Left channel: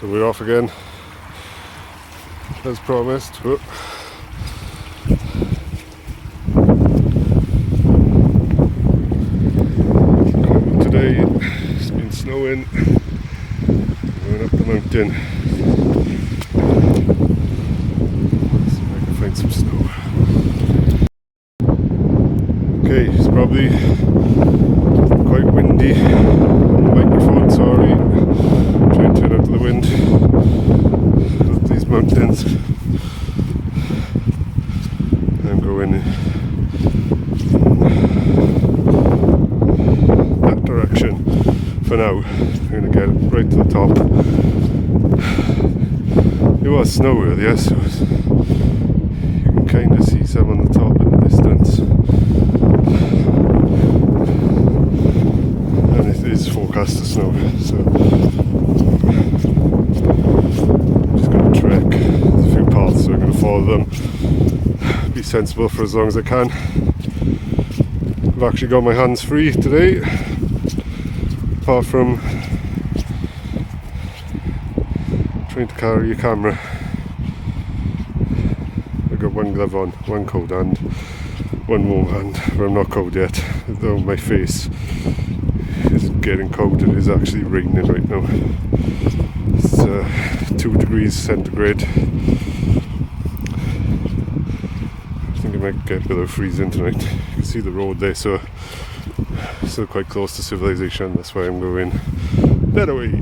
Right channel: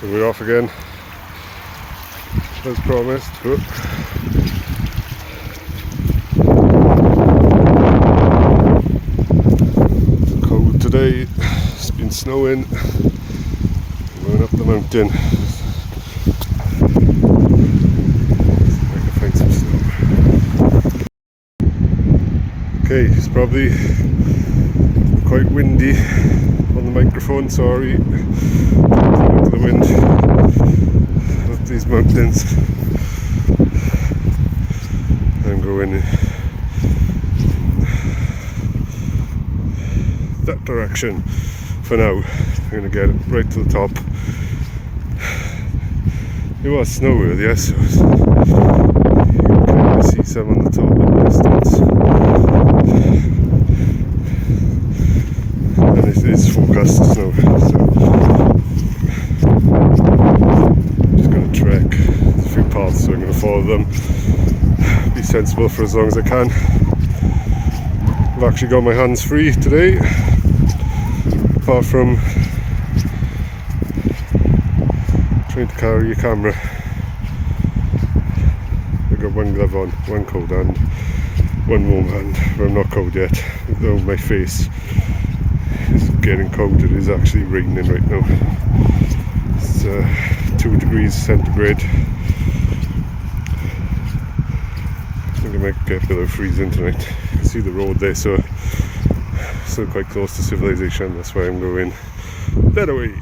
So we're off again, as promised. Whoop. Cold today, it's been snowing. Going up the mountain. See if I can find some snow. Okay, it's probably quite windy on the microphone, sorry. Trying to turn out the wind up these mountains. I'm going in that direction for now. I'm going to get right to the top. It was snow earlier, so you can kind of see some on the top in the distance. And it is forecast to snow, so I'm just going to trek a few paths, so I'm going to follow them, be sensible for as long as I can. I've actually got my hands free today, apart from trying to carry a camera. I've got one glove on, one cold hand, one warm hand, but I'm not cold yet, though my face is getting cold. It is actually raining right now. It's 2 degrees centigrade. I think it might get below freezing tonight. You can see the road there, so still quite close to civilization. That's why I'm going that way.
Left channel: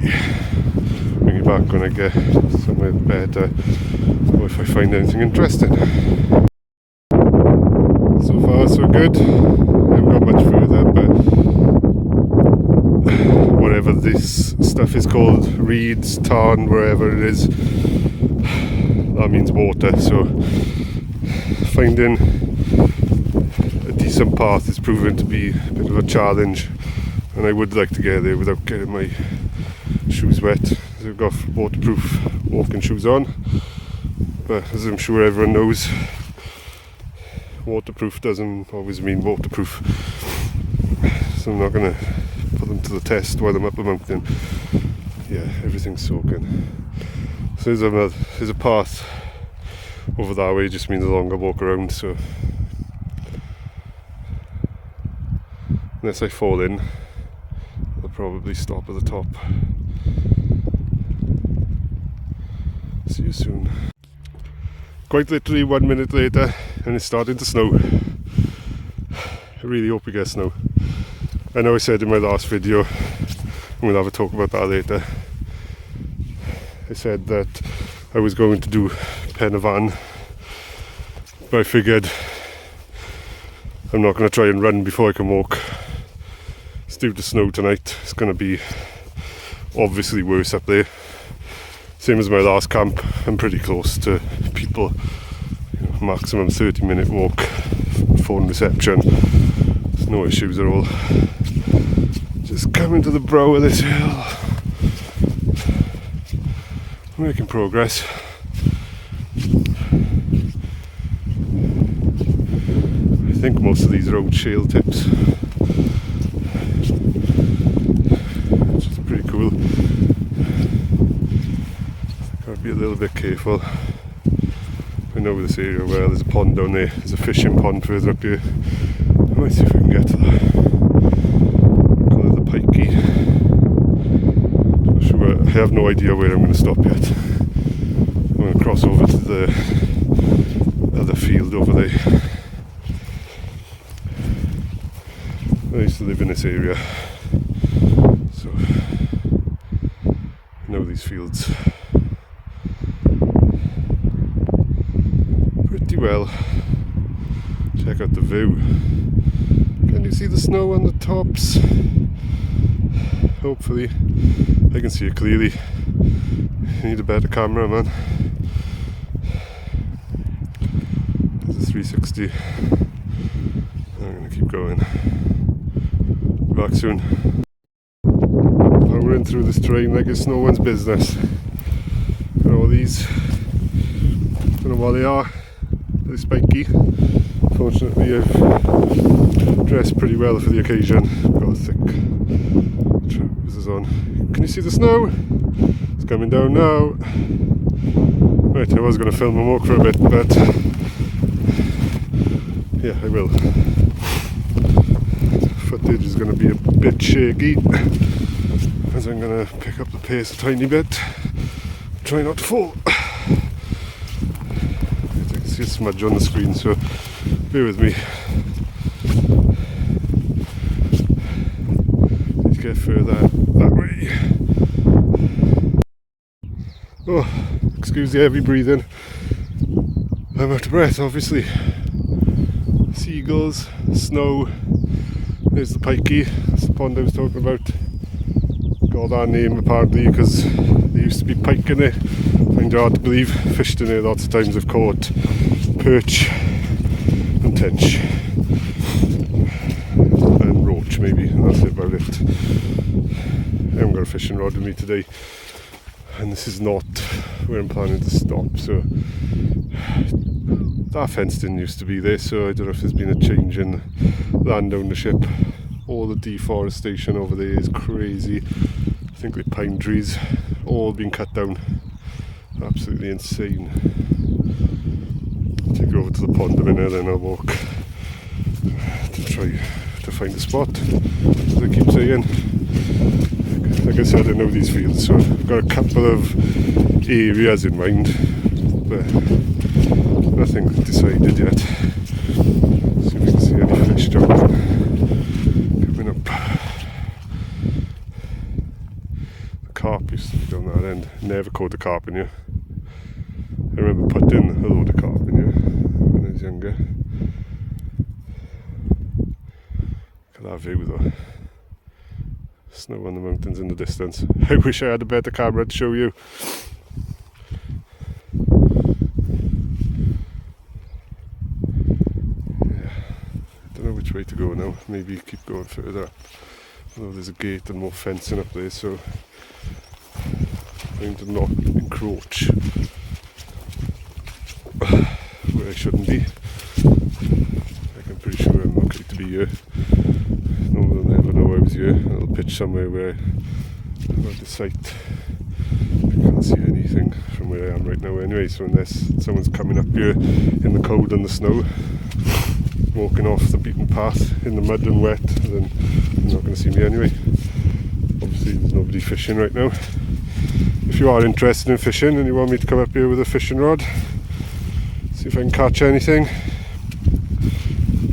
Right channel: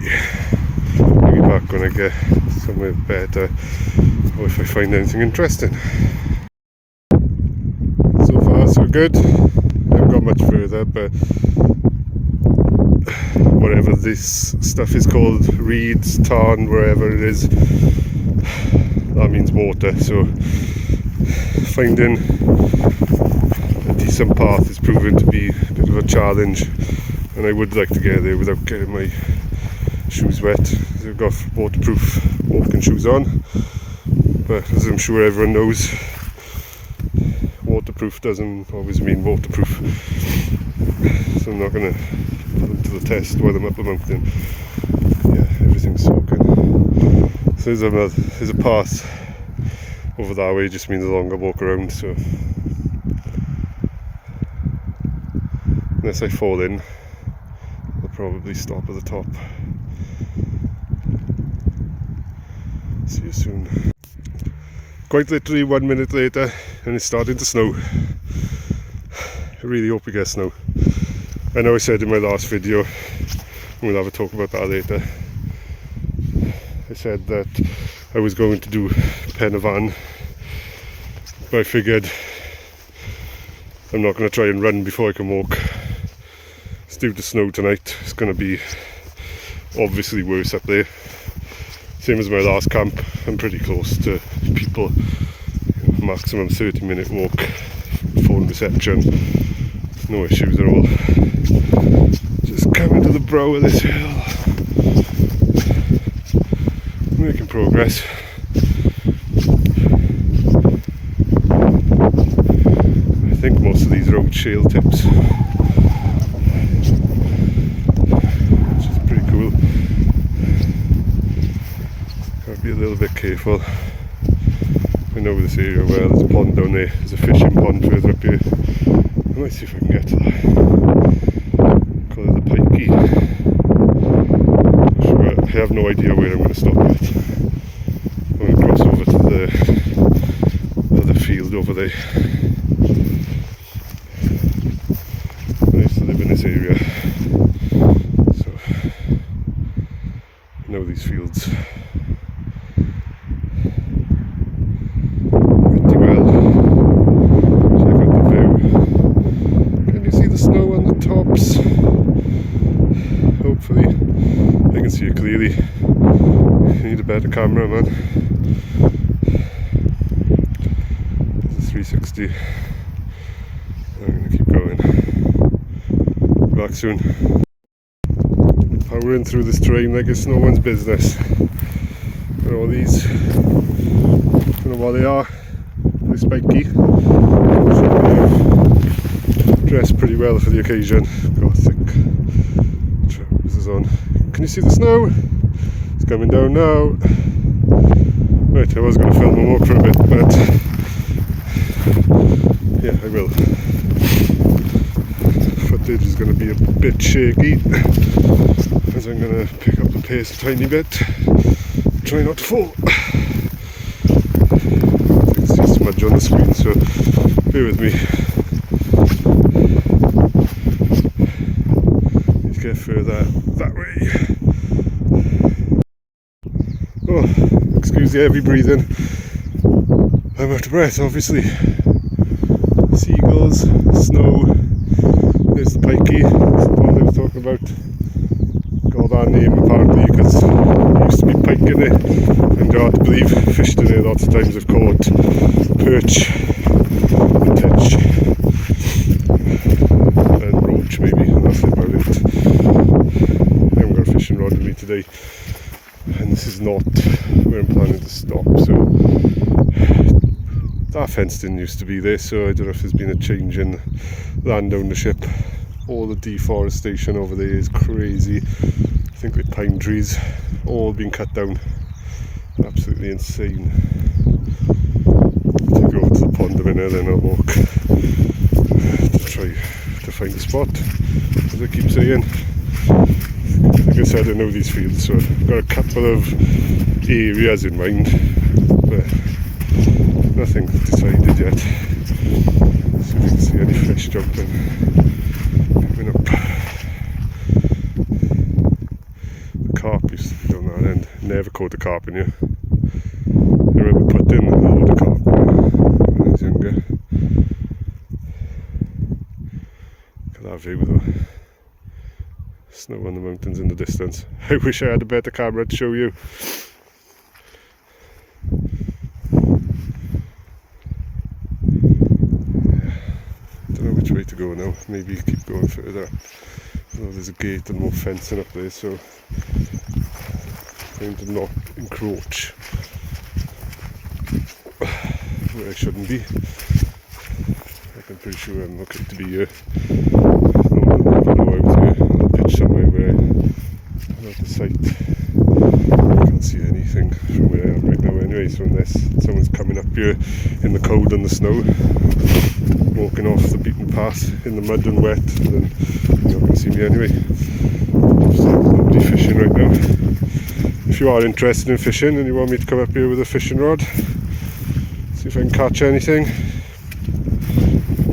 Maybe back when I get somewhere better, or if I find anything interesting. So far so good. I haven't got much further, but whatever this stuff is called, reeds, tarn, wherever it is, that means water. So finding a decent path is proving to be a bit of a challenge, and I would like to get there without getting my shoes wet. I've got waterproof walking shoes on, but as I'm sure everyone knows, waterproof doesn't always mean waterproof. So I'm not going to put them to the test while I'm up the mountain. Yeah, everything's soaking. So there's a path over that way, just means a longer walk around, so unless I fall in, I'll probably stop at the top. See you soon. Quite literally 1 minute later, and it's starting to snow. I really hope we get snow. I know I said in my last video, and we'll have a talk about that later, I said that I was going to do Pen y Fan, but I figured I'm not going to try and run before I can walk. It's due to snow tonight. It's going to be obviously worse up there. Same as my last camp, I'm pretty close to people. Maximum 30-minute walk, phone reception, no issues at all. Just coming to the brow of this hill. Making progress. I think most of these are old shale tips, which is pretty cool. Gotta be a little bit careful. I know this area well, there's a pond down there, there's a fishing pond further up here. I might see if we can get to that. Call it the Pikey. Sure, I have no idea where I'm going to stop yet. I'm going to cross over to the other field over there. I used to live in this area, so I know these fields pretty well. Check out the view. Can you see the snow on the tops? Hopefully I can see it clearly. I need a better camera, man. There's a 360. I'm gonna keep going. Back soon. Powering through this terrain like it's no one's business. Got all these, don't know what they are, they're spiky. Fortunately I've dressed pretty well for the occasion. Got thick trousers on. Can you see the snow? It's coming down now. Right, I was going to film and walk for a bit, but yeah, I will. Footage is going to be a bit shaky as I'm going to pick up the pace a tiny bit. Try not to fall. You can see a smudge on the screen, so bear with me. Need to get further that way. Oh, excuse the heavy breathing. I'm out of breath, obviously. Seagulls, snow. There's the pikey. That's the pond I was talking about. Got that name apparently because there used to be pike in it. And hard to believe, fished in it lots of times. I've caught perch, tetch, and roach maybe, and that's about it. I haven't got a fishing rod with me today, and this is not where I'm planning to stop. So that fence didn't used to be there, so I don't know if there's been a change in land ownership. All the deforestation over there is crazy. I think the pine trees all been cut down. Absolutely insane. I'll take you over to the pond a minute, then I'll walk to try to find a spot, as I keep saying. Like I said, I know these fields, so I've got a couple of areas in mind, but nothing decided yet. See if we can see any fish jumping coming up. The carp used to be down that end. Never caught a carp in here. I remember putting a load of carp in here when I was younger. Look at that view though. Snow on the mountains in the distance. I wish I had a better camera to show you. Don't know which way to go now. Maybe keep going further. Although there's a gate and more fencing up there, so trying to not encroach where I shouldn't be. I'm pretty sure I'm okay to be here. No one will ever know I was here. I'll pitch somewhere where I'm out of sight. I can't see anything from where I am right now anyway, so unless someone's coming up here in the cold and the snow, walking off the beaten path in the mud and wet, then you're not going to see me anyway. There's nobody fishing right now. If you are interested in fishing and you want me to come up here with a fishing rod, see if I can catch anything,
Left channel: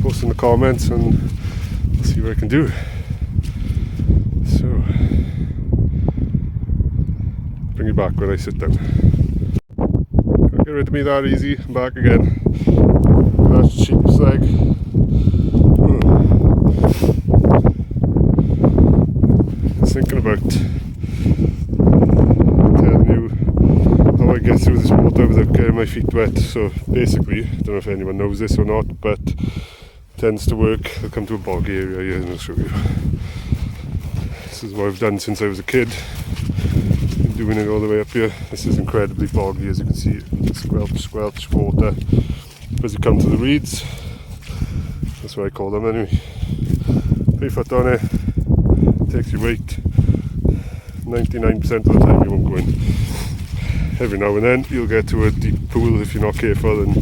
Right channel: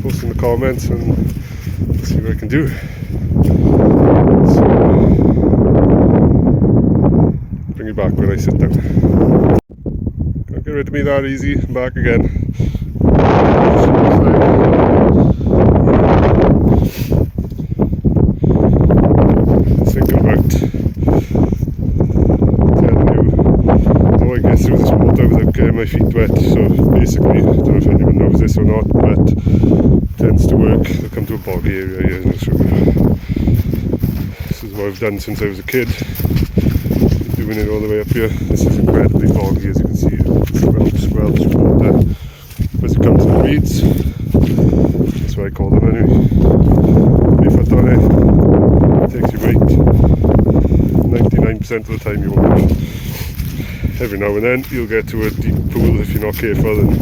post in the comments and see what I can do. So, bring you back when I sit down. Can't get rid of me that easy. I'm back again. Thinking about telling you how I get through this water without getting my feet wet. So basically, I don't know if anyone knows this or not, but it tends to work. I'll come to a bog area here, you know, so this is what I've done since I was a kid. Been doing it all the way up here. This is incredibly boggy, as you can see. Squelch water. As you come to the reeds, that's what I call them anyway. Put your foot on it. Takes your weight. 99% of the time you won't win. Every now and then you'll get to a deep pool if you're not careful, and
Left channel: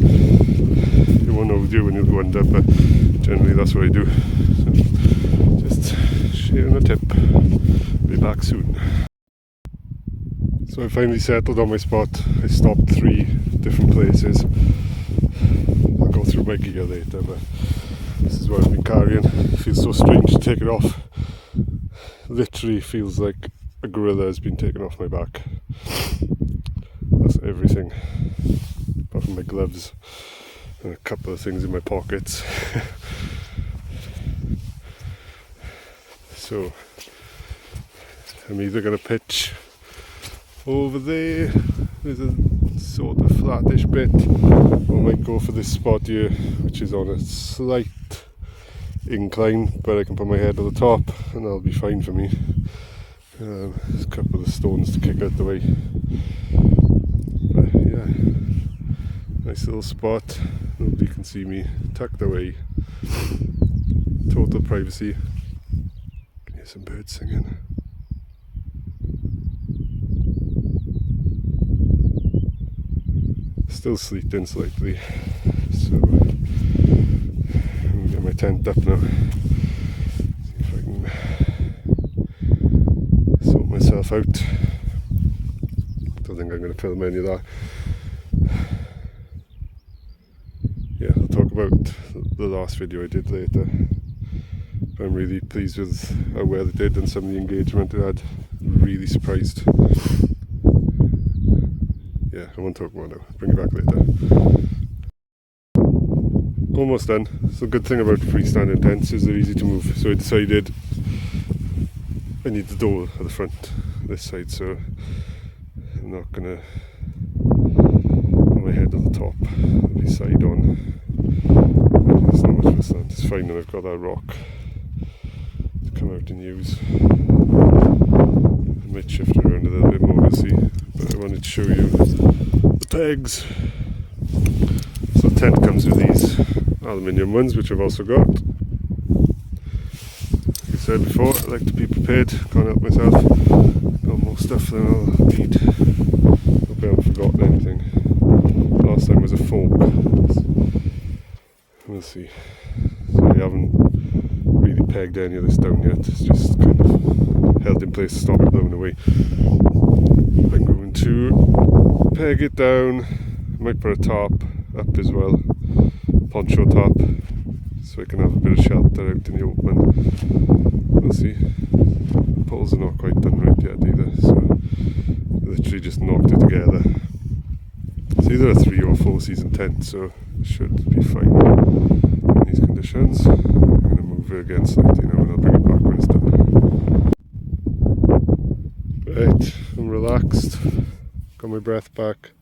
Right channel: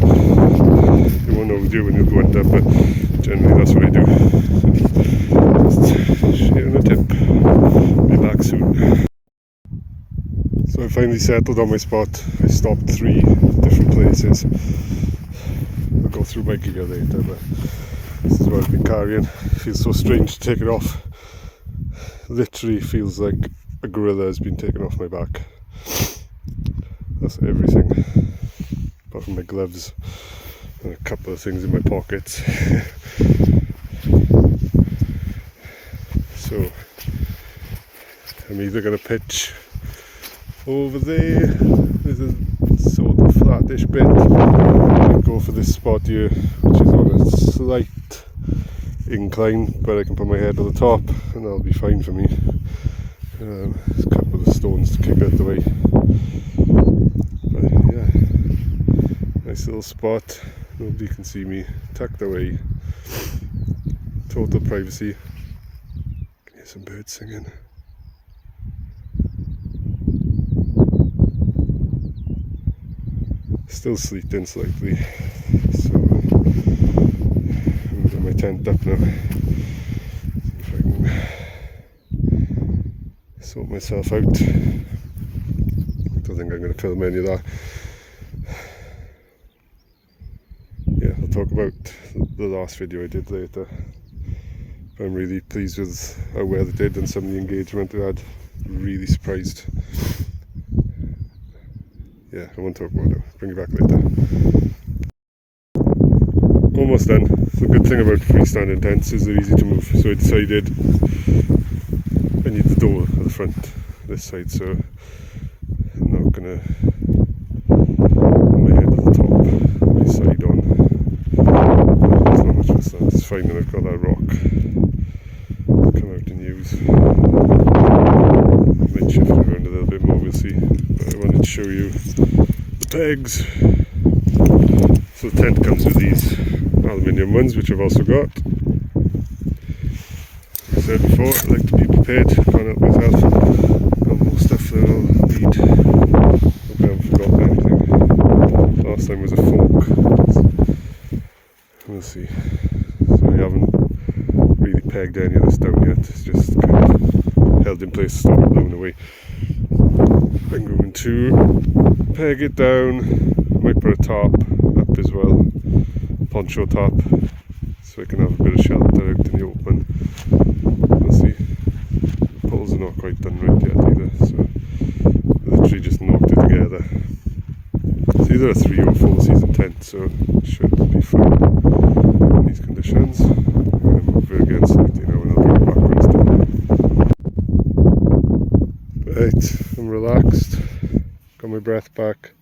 you won't know what to do when you'll go under, but generally that's what I do. So just sharing a tip. Be back soon. So I finally settled on my spot. I stopped 3 different places. I'll go through my gear later, but this is what I've been carrying. It feels so strange to take it off. Literally feels like a gorilla has been taken off my back. That's everything, apart from my gloves and a couple of things in my pockets. So I'm either going to pitch over there. There's a sort of flattish bit. I might go for this spot here, which is on a slight incline, but I can put my head on the top and that'll be fine for me. There's a couple of stones to kick out the way, but yeah, nice little spot. Nobody can see me, tucked away, total privacy. Can hear some birds singing. Still sleeting slightly, so I'm gonna get my tent up now. See if I can sort myself out. Don't think I'm going to film any of that. Yeah, I'll talk about the last video I did later. I'm really pleased with how well it did and some of the engagement it had. Really surprised. Yeah, I won't talk about it. Bring it back later. Almost done. The good thing about freestanding tents is they're easy to move. So I decided I need the door at the front, this side, so I'm not gonna put my head at the top, be side on. There's not much of a slant, it's fine, and I've got that rock to come out and use. I might shift it around a little bit more, we'll see, but I wanted to show you the pegs. So the tent comes with these aluminium ones, which I've also got. Like I said before, I like to be prepared, can't help myself. Got more stuff than I'll need. Hope I haven't forgotten anything. Last time was a fork. We'll see. So I haven't really pegged any of this down yet, it's just kind of held in place to stop it blowing away. I'm going to peg it down. I might put a tarp up as well, poncho tarp, so I can have a bit of shelter out in the open. We'll see. Poles are not quite done right yet either, so I literally just knocked it together. It's either a 3 or 4 season tent, so it should be fine in these conditions. I'm going to move it again slightly now and I'll bring it back when it's done. Right, I'm relaxed, got my breath back.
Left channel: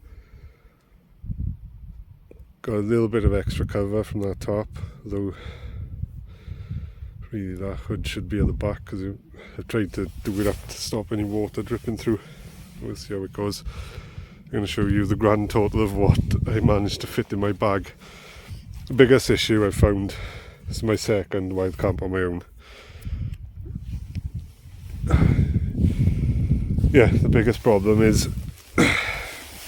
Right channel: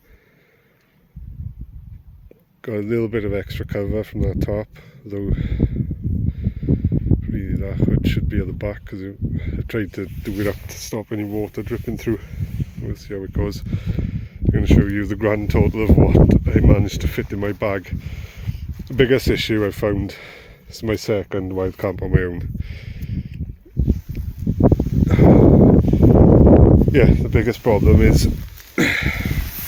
Got a little bit of extra cover from that top, though really that hood should be at the back because I tried to do it up to stop any water dripping through. We'll see how it goes. I'm going to show you the grand total of what I managed to fit in my bag. The biggest issue I found is my second wild camp on my own. Yeah, the biggest problem is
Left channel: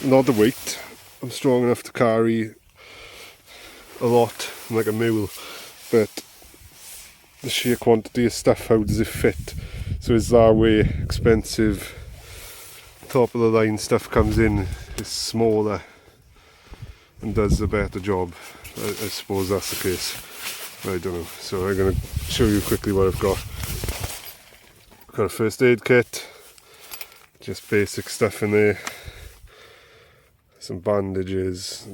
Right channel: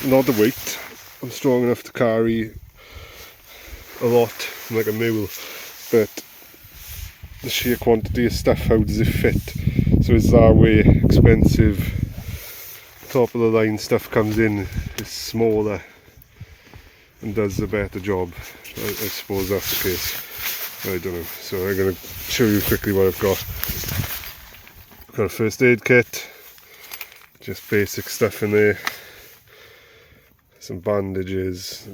not the weight. I'm strong enough to carry a lot, like a mule, but the sheer quantity of stuff, how does it fit? So is that way expensive, top of the line stuff comes in, is smaller and does a better job. I suppose that's the case, I don't know. So I'm going to show you quickly what I've got. I've got a first aid kit, just basic stuff in there, some bandages.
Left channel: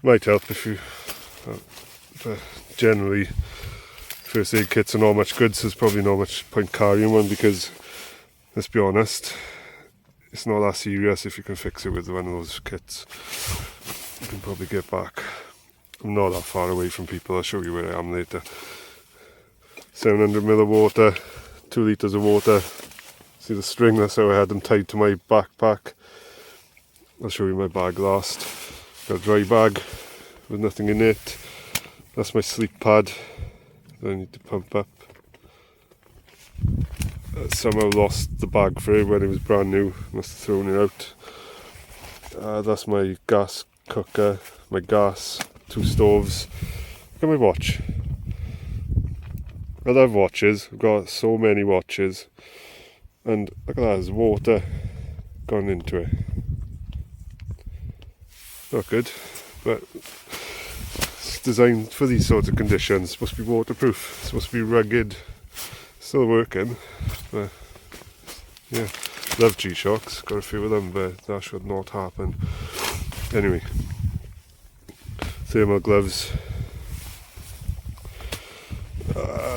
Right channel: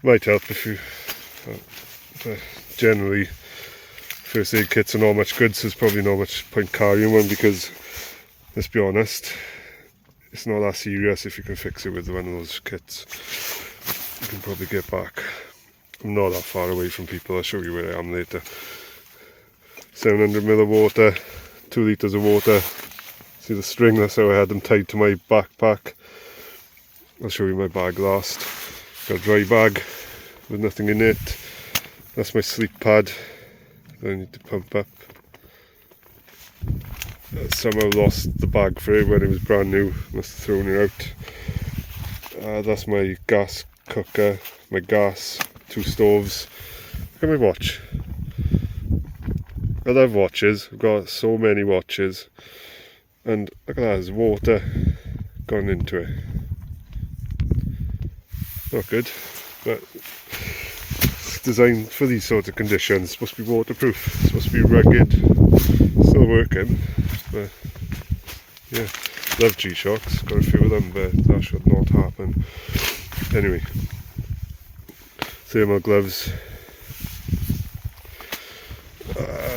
Might help if you, generally first aid kits are not much good, so there's probably not much point carrying one because, let's be honest, it's not that serious. If you can fix it with one of those kits, you can probably get back. I'm not that far away from people, I'll show you where I am later. 700ml of water, 2 litres of water. See the string, that's how I had them tied to my backpack. I'll show you my bag last. Got a dry bag with nothing in it. That's my sleep pad that I need to pump up. Somehow lost the bag for it when it was brand new, must have thrown it out. That's my gas cooker, my gas, 2 stoves. Look at my watch. I love watches, I've got so many watches, and look at that, there's water gone into it. Not good, but it's designed for these sorts of conditions. It's supposed to be waterproof, it's supposed to be rugged. Still working, but yeah, love G-Shocks, got a few of them, but that should not happen. Anyway, thermal gloves.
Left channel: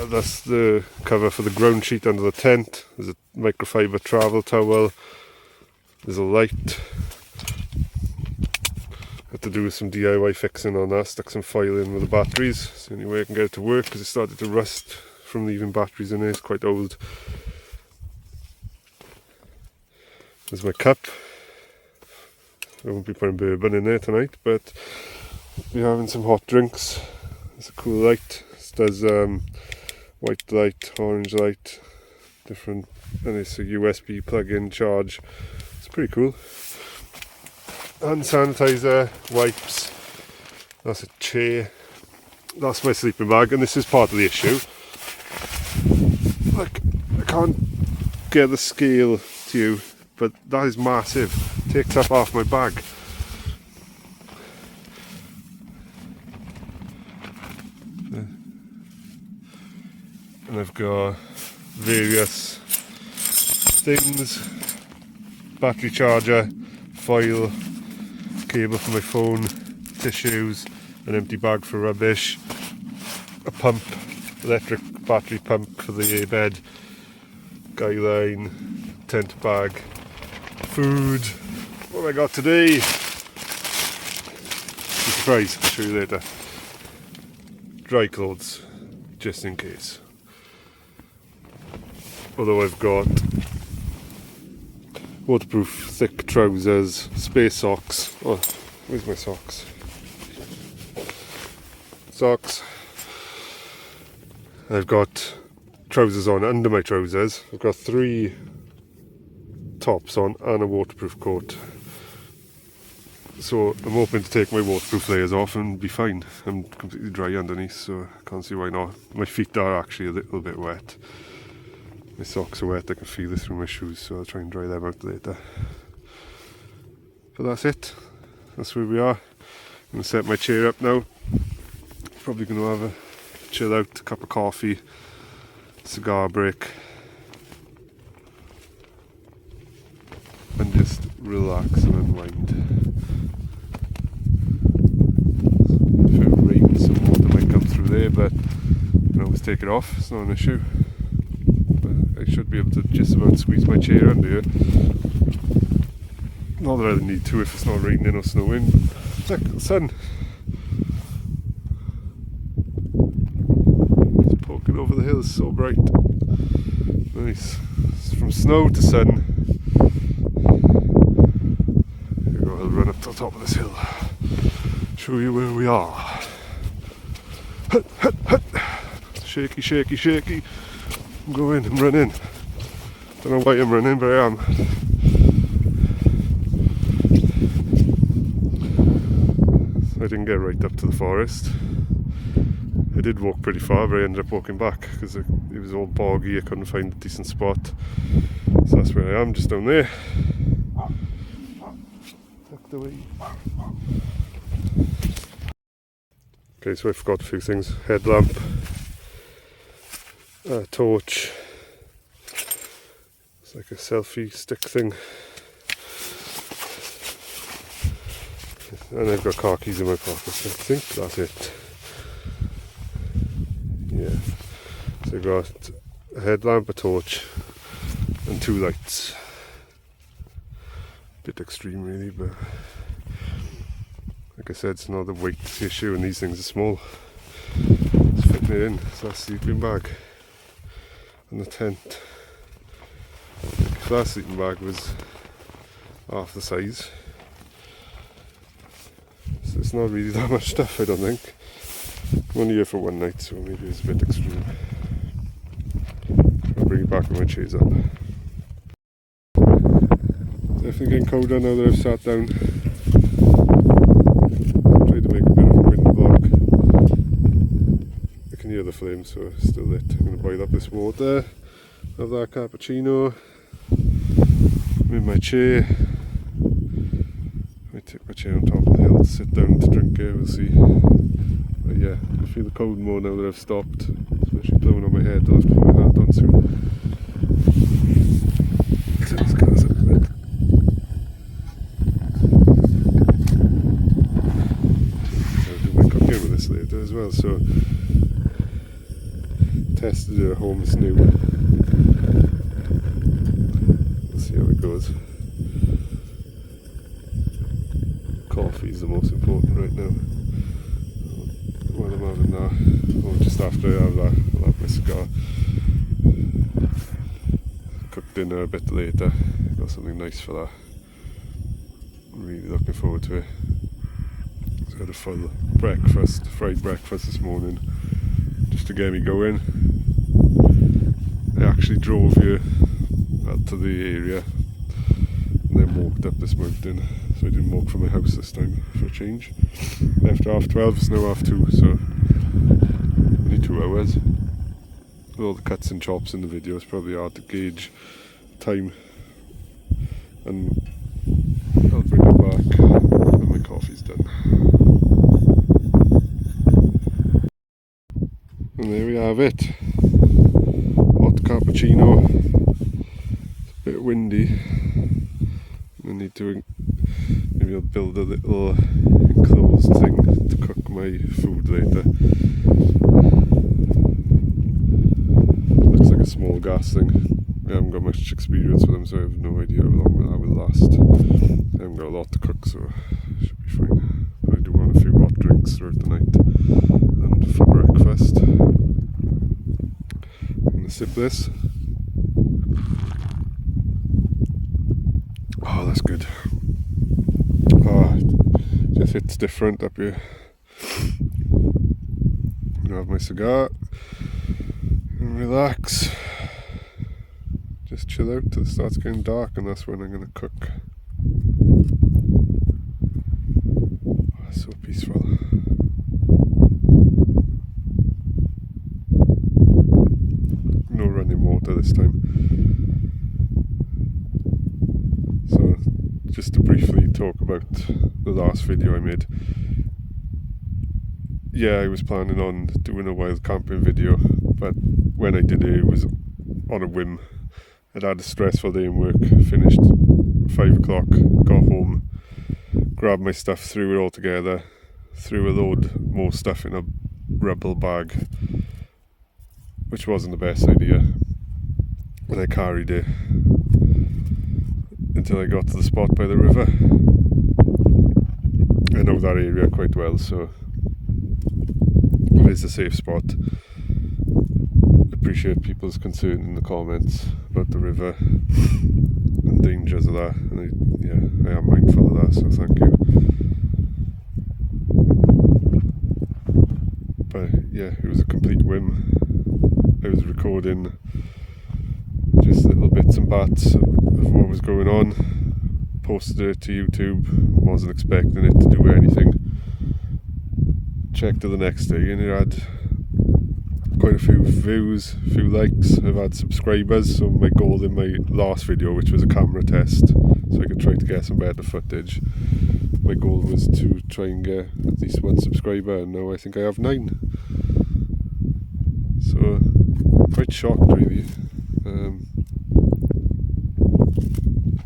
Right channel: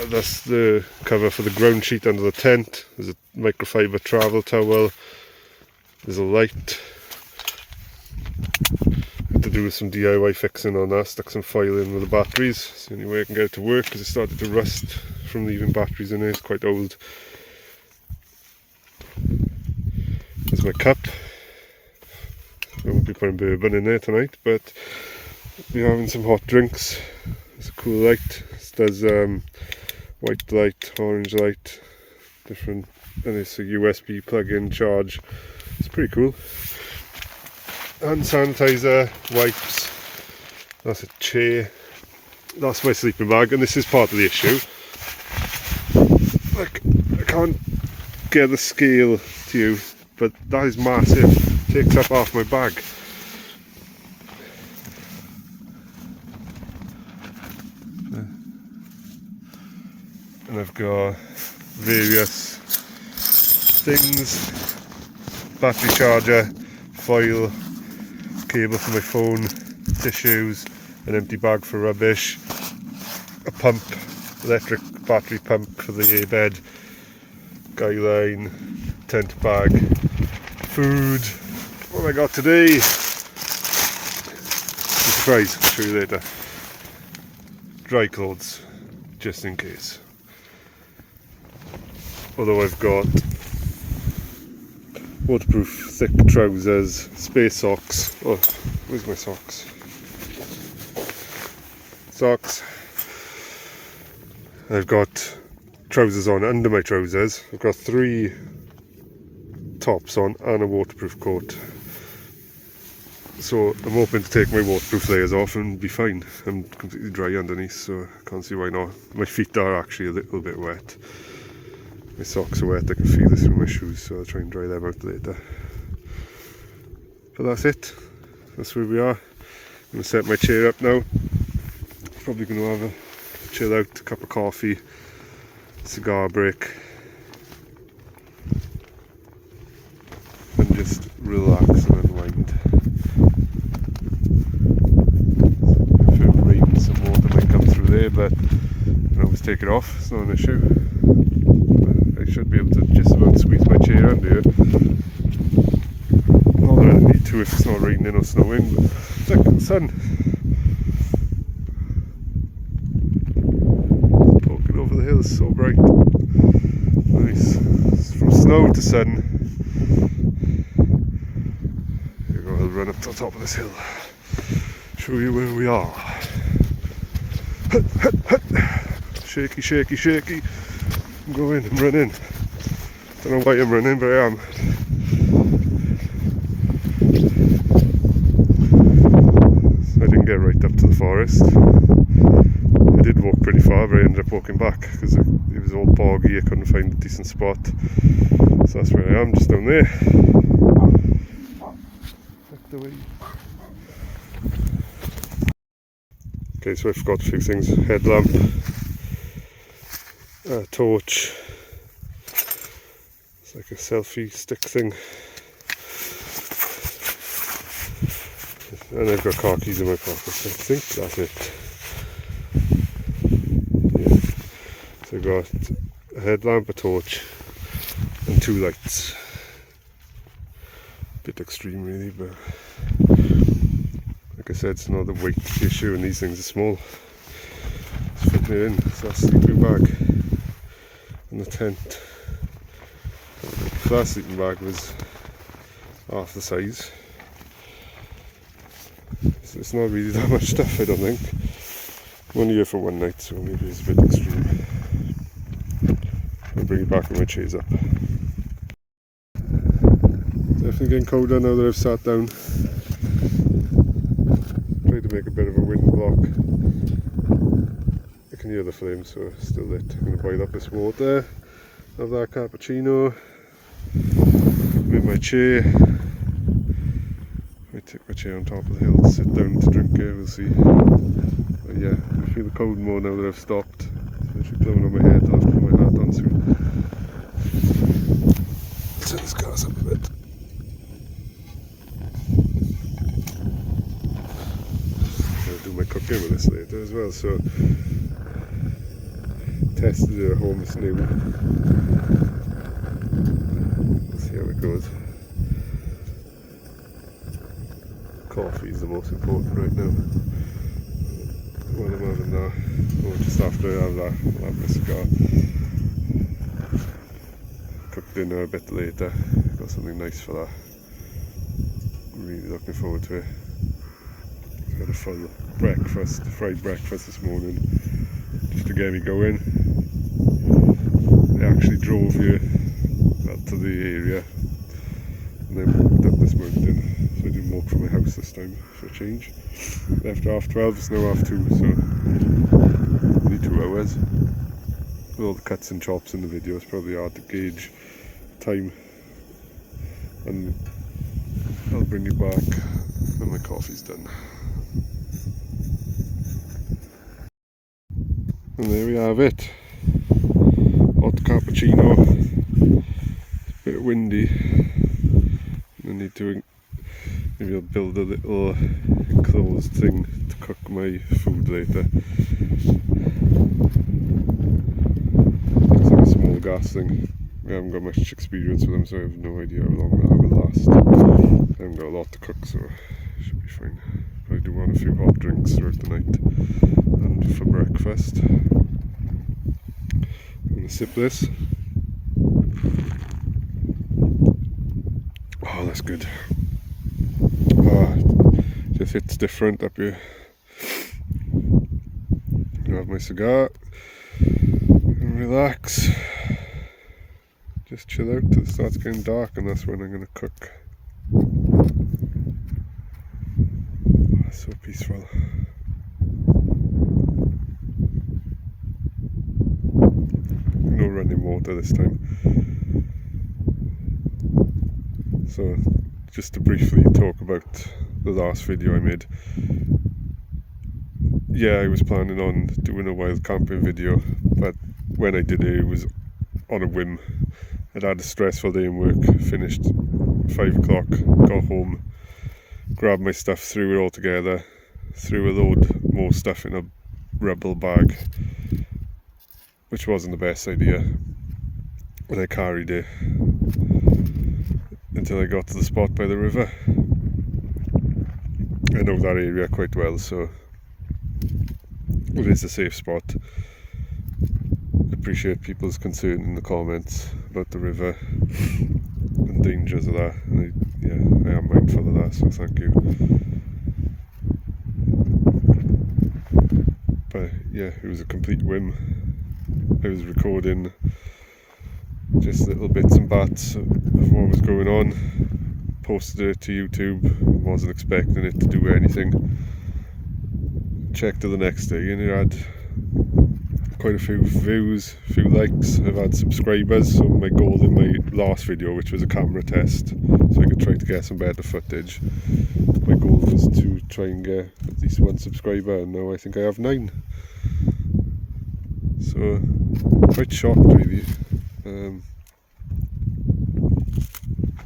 That's the cover for the ground sheet under the tent. There's a microfiber travel towel. There's a light. Had to do some DIY fixing on that. Stuck some foil in with the batteries. It's the only way I can get it to work because it started to rust from leaving batteries in there. It's quite old. There's my cup. I won't be putting bourbon in there tonight, but I'll be having some hot drinks. It's a cool light. It does white light, orange light, different, and it's a USB plug-in charge. It's pretty cool. hand sanitizer, wipes, that's a chair, that's my sleeping bag, and this is part of the issue. Like, I can't get the scale to you, but that is massive. Takes up half my bag. And I've got various things, battery charger, foil, cable for my phone, tissues, an empty bag for rubbish, a pump, electric battery pump for the bed, guy line, tent bag, food. What have I got today? Surprise, I'll show you later. Dry clothes, just in case. Although I've got waterproof thick trousers, space socks. Oh, where's my socks? Socks. I've got trousers on under my trousers. I've got 3 tops on and a waterproof coat. So I'm hoping to take my waterproof layers off and be fine. I'm completely dry underneath, so I can't see why not. My feet are actually a little bit wet. My socks are wet, I can feel this through my shoes, so I'll try and dry them out later. But that's it. That's where we are. I'm going to set my chair up now. Probably going to have a chill out, a cup of coffee, cigar break, and just relax and unwind. If it rains, some water might come through there, but you can always take it off, it's not an issue. But I should be able to just about squeeze my chair under here. Not that I need to if it's not raining or snowing, but look, the sun. It's poking over the hill, it's so bright. Nice. It's from snow to sun. Here we go, I'll run up to the top of this hill. Show you where we are. Shaky, shaky, shaky. I'm going, I'm running. Don't know why I'm running, but I am. I didn't get right up to the forest. I did walk pretty far, but I ended up walking back because it was all boggy. I couldn't find a decent spot. So that's where I am, just down there. Tucked away. Okay, so I forgot a few things. Headlamp, torch. It's like a selfie stick thing. And I've got car keys in my pockets. I think that's it. Yeah. So I've got a headlamp, a torch, and 2 lights. Bit extreme really, but like I said, it's not the weight issue and these things are small. It's fitting it in. So that's the sleeping bag and the tent. Like, the last sleeping bag was half the size. So it's not really that much stuff, I don't think. I'm only here for one night, so maybe it's a bit extreme. I'll bring it back when my chair's up. Definitely getting colder now that I've sat down. Tried to make a bit of a wind block. I can hear the flames, so it's still lit. I'm going to boil up this water. Have that cappuccino. I'm in my chair. I take my chair on top of the hill to sit down to drink it, we'll see. But yeah, I feel the cold more now that I've stopped. It's literally blowing on my head, I'll have to put my hat on soon. Let's turn this gas up a bit. I'll do my cooking with this later as well, so tested it at home, it's new. We'll see how it goes. Coffee is the most important right now. While I'm having that, or just after I have that, I'll have my cigar. Cook dinner a bit later. Got something nice for that. Really looking forward to it. Just had a full breakfast, fried breakfast this morning, just to get me going. I actually drove here up to the area and then walked up this mountain. So I didn't walk from my house this time for a change. Left 12:30, it's now 2:30, so only 2 hours. With all the cuts and chops in the video, it's probably hard to gauge time. And I'll bring it back when my coffee's done. And there we have it. Hot cappuccino. It's a bit windy. I need to, maybe I'll build a little enclosed thing to cook my food later. Looks like a small gas thing. I haven't got much experience with them, so I have no idea how long that will last. I haven't got a lot to cook, so it should be fine. But I do want a few hot drinks throughout the night and for breakfast. I'm going to sip this. Oh, that's good. Just hits different up here. I'm gonna have my cigar and relax. Just chill out till it starts getting dark, and that's when I'm gonna cook. Oh, so peaceful. No running water this time. So, just to briefly talk about the last video I made. Yeah, I was planning on doing a wild camping video, but when I did it, it was on a whim. I'd had a stressful day in work, finished 5 o'clock, got home, grabbed my stuff, threw it all together, threw a load more stuff in a rubble bag, which wasn't the best idea, and I carried it until I got to the spot by the river. I know that area quite well, so it is a safe spot. Appreciate people's concern in the comments about the river and dangers of that, and I am mindful of that, so thank you. But yeah, it was a complete whim. I was recording just little bits and bats of what was going on, posted it to YouTube, wasn't expecting it to do anything. Checked it the next day and it had quite a few views, a few likes. I've had subscribers, so my goal in my last video, which was a camera test, so I could try to get some better footage, my goal was to try and get at least 1 subscriber, and now I think I have 9. So, quite shocked really.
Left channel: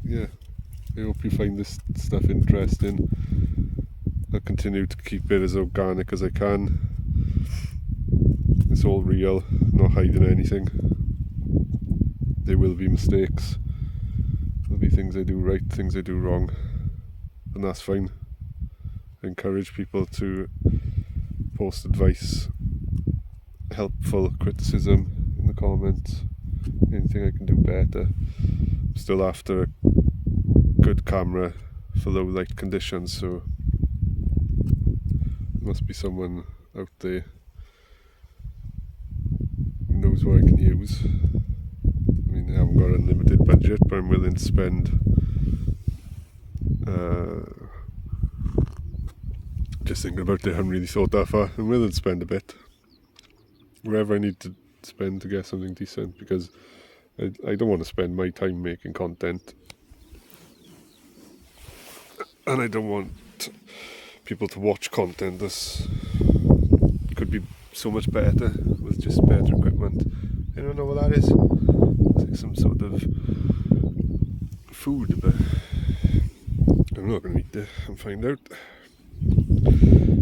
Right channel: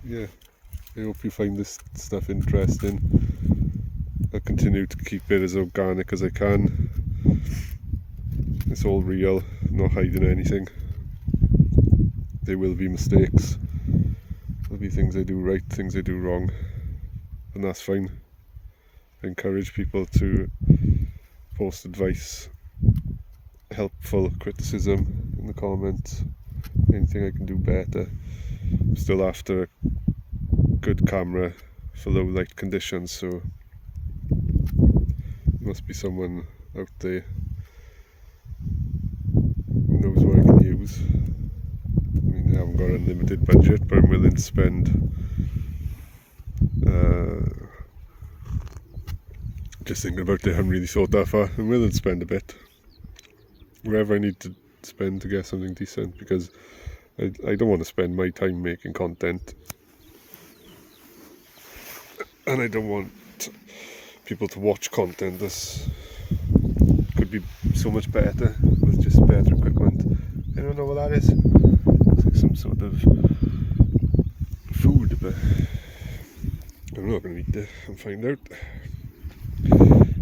Yeah, I hope you find this stuff interesting. I'll continue to keep it as organic as I can. It's all real, not hiding anything. There will be mistakes. There'll be things I do right, things I do wrong, and that's fine. I encourage people to post advice, helpful criticism in the comments, anything I can do better. I'm still after a good camera for low light conditions, so there must be someone out there who knows what I can use. I mean, I haven't got an unlimited budget, but I'm willing to spend just thinking about it, I haven't really thought that far. I'm willing to spend a bit, wherever I need to spend to get something decent, because I don't want to spend my time making content, and I don't want people to watch content that could be so much better with just better equipment. I don't know what that is. It's like some sort of food, but I'm not going to eat it and find out.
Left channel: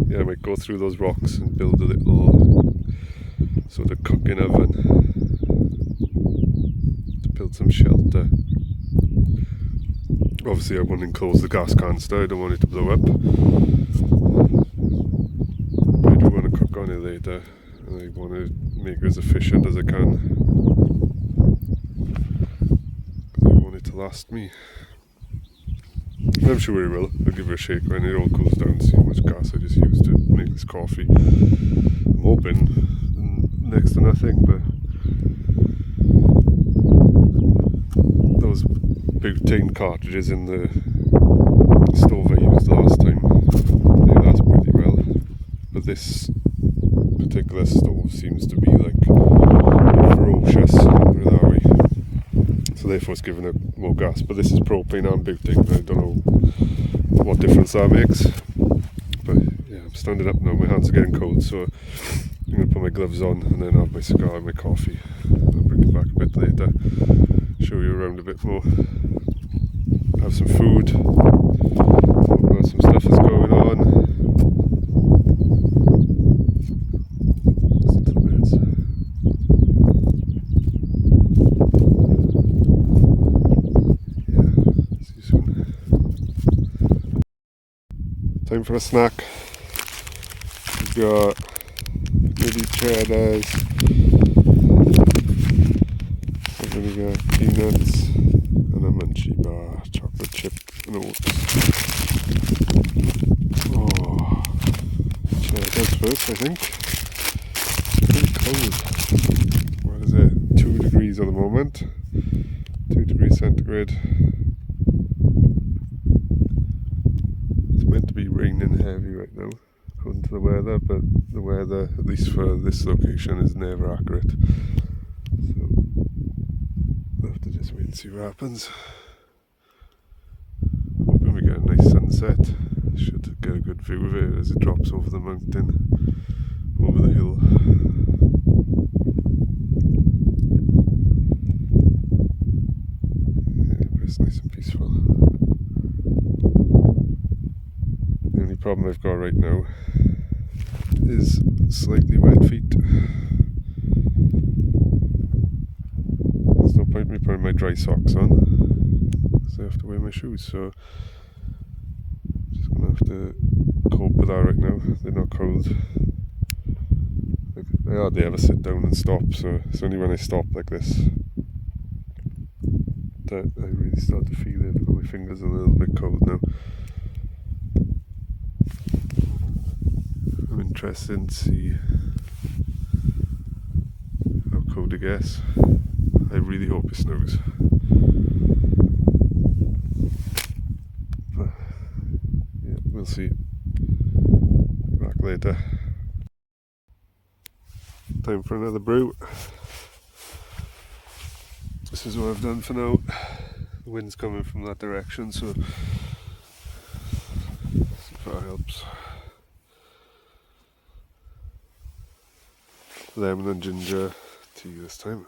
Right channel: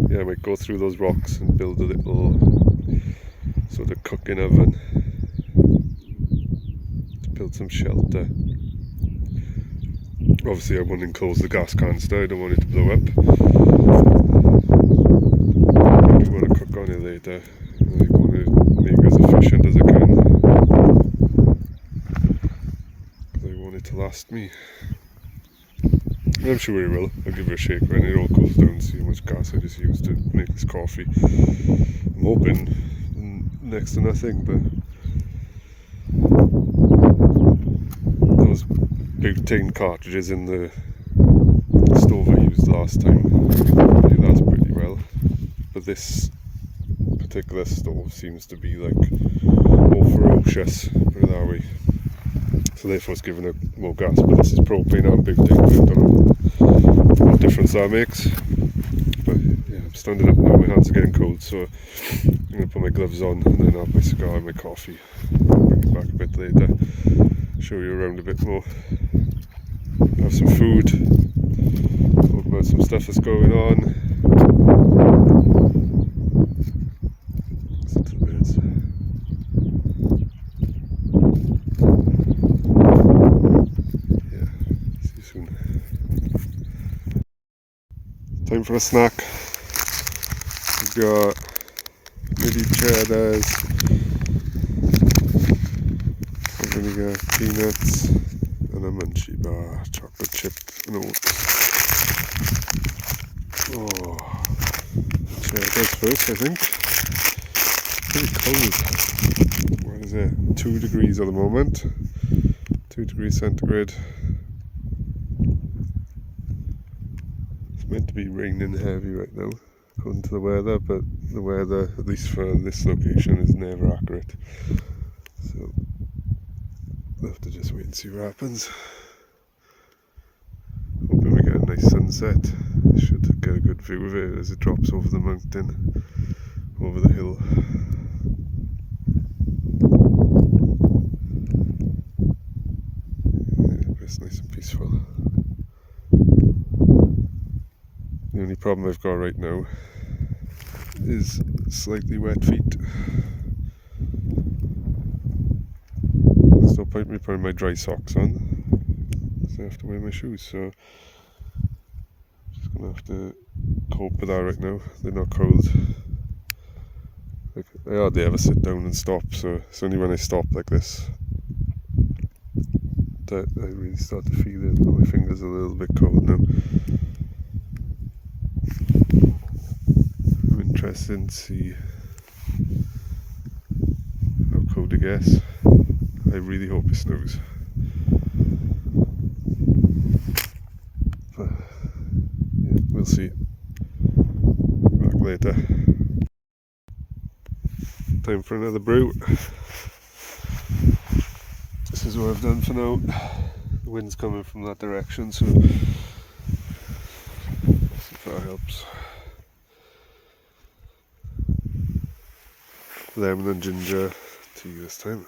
Yeah, I might go through those rocks and build a little sort of cooking oven to build some shelter. Obviously I want to enclose the gas canister, I don't want it to blow up. I do want to cook on it later, and I want to make it as efficient as I can. I want it to last me. I'm sure it will. I'll give it a shake when it all cools down, see how much gas I just used to make this coffee. I'm hoping next to nothing, but those butane cartridges in the stove I used last time. I think that's pretty well. But this particular stove seems to be like ferocious, put it that way. So therefore it's giving it more gas. But this is propane and butane. I don't know what difference that makes. But yeah, I'm standing up now, my hands are getting cold, so I'm going to put my gloves on and then have my cigar and my coffee. I'll bring it back a bit later, show you around a bit more. Have some food, talk about some stuff that's going on. Listen to the birds. Yeah, see you soon. Time for a snack. We've got mini cheddars, vinegar, peanuts, and a munchie bar, chocolate chip and oats. Oh, cheddars first, I think. It's pretty cold. What is it? 2 degrees at the moment. 2 degrees centigrade. It's meant to be raining heavy right now, according to the weather, but the weather, at least for this location, is never accurate. So we'll have to just wait and see what happens. Hoping we get a nice sunset. Should get a good view of it as it drops over the mountain, over the hill. Yeah, but it's nice and peaceful. The only problem I've got right now is slightly wet feet. There's no point me putting my dry socks on, because I have to wear my shoes, so I'm just going to have to cope with that right now. They're not cold. I hardly ever sit down and stop, so it's only when I stop like this that I really start to feel it. My fingers are a little bit cold now. I'm interested to see how cold it gets. I really hope it snows. But yeah, we'll see. Be back later. Time for another brew. This is what I've done for now. The wind's coming from that direction, so see if that helps. Lemon and ginger tea this time.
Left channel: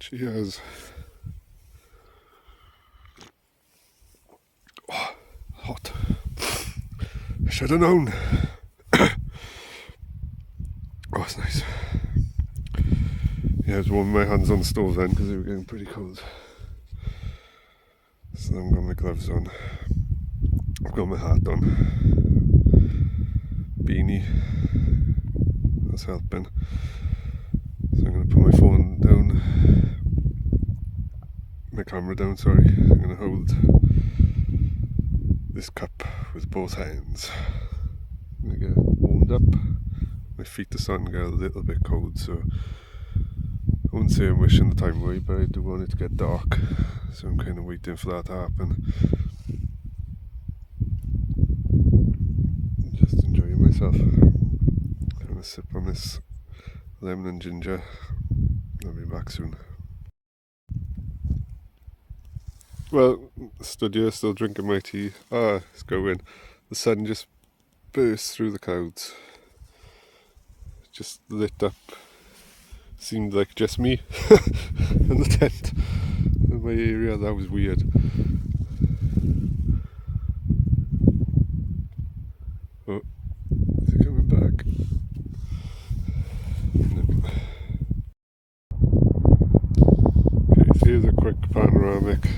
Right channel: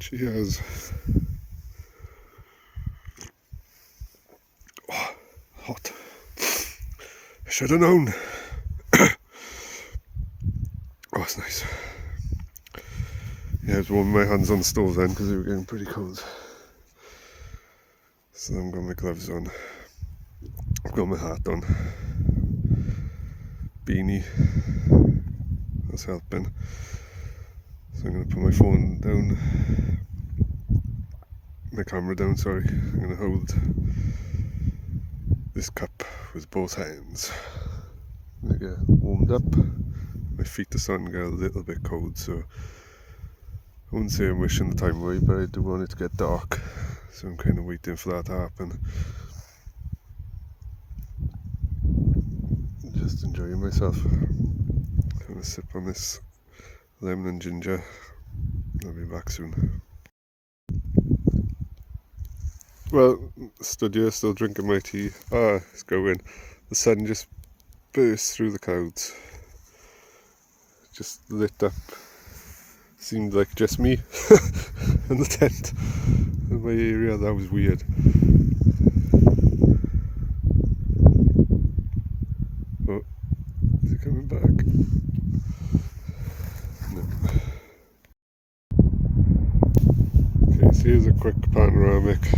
Cheers. Oh, hot. I should have known. Oh, it's nice. Yeah, I was warming my hands on the stove then because they were getting pretty cold. So I've got my gloves on. I've got my hat on. Beanie. That's helping. So I'm going to put my phone down. My camera down, sorry. I'm going to hold this cup with both hands. I'm going to get warmed up. My feet are starting to get a little bit cold, so I wouldn't say I'm wishing the time away, but I do want it to get dark, so I'm kind of waiting for that to happen. Just enjoying myself. I'm going to sip on this lemon and ginger. I'll be back soon. Well, stood here still drinking my tea. It's going. The sun just burst through the clouds. Just lit up. Seemed like just me in the tent in my area. That was weird. Oh, is it coming back? No. Okay, so here's a quick panoramic.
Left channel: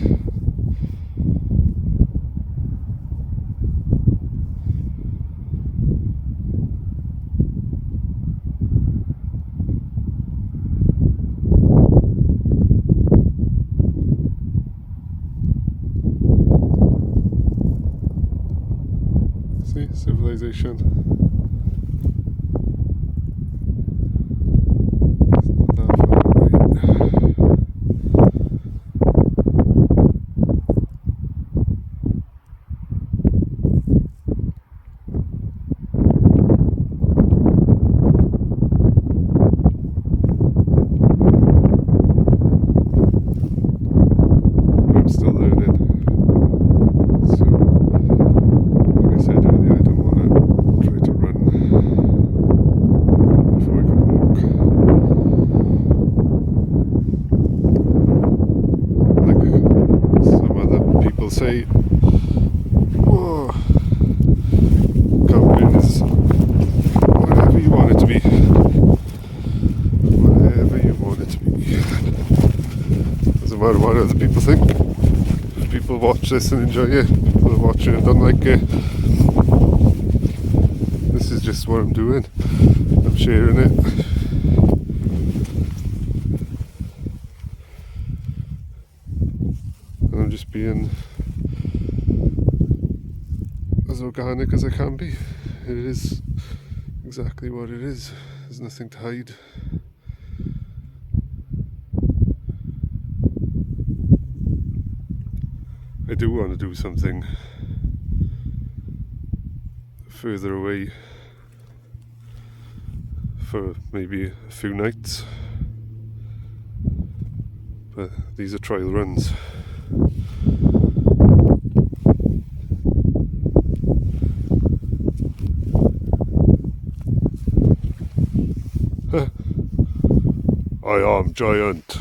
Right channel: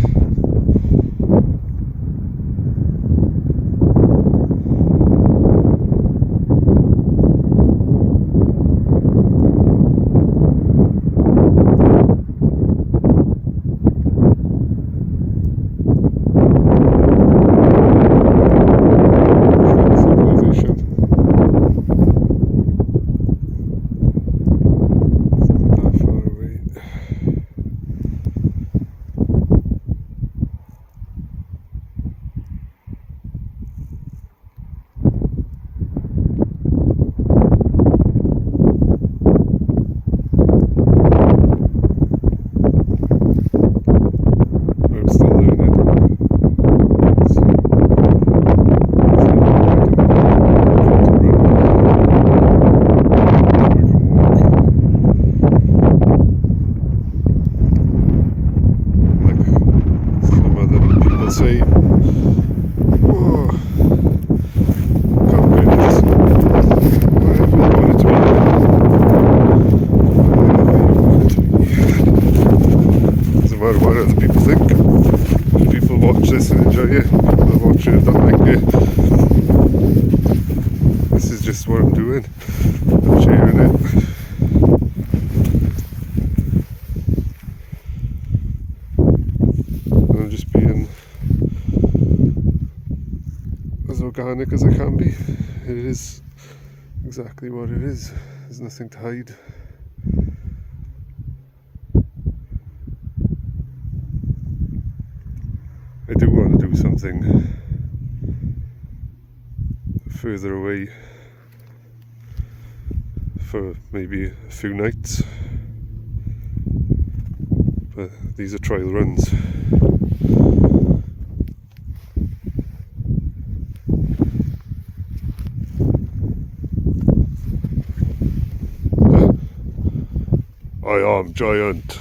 people say, whoa, camping is whatever you want it to be. Whatever you want it to be. Doesn't matter what other people think. If people watch this and enjoy it, they'll watch it and don't like it. This is just what I'm doing. I'm sharing it. And I'm just being as organic as I can be. It is exactly what it is. There's nothing to hide. I do want to do something further away for maybe a few nights, but these are trial runs. I am giant.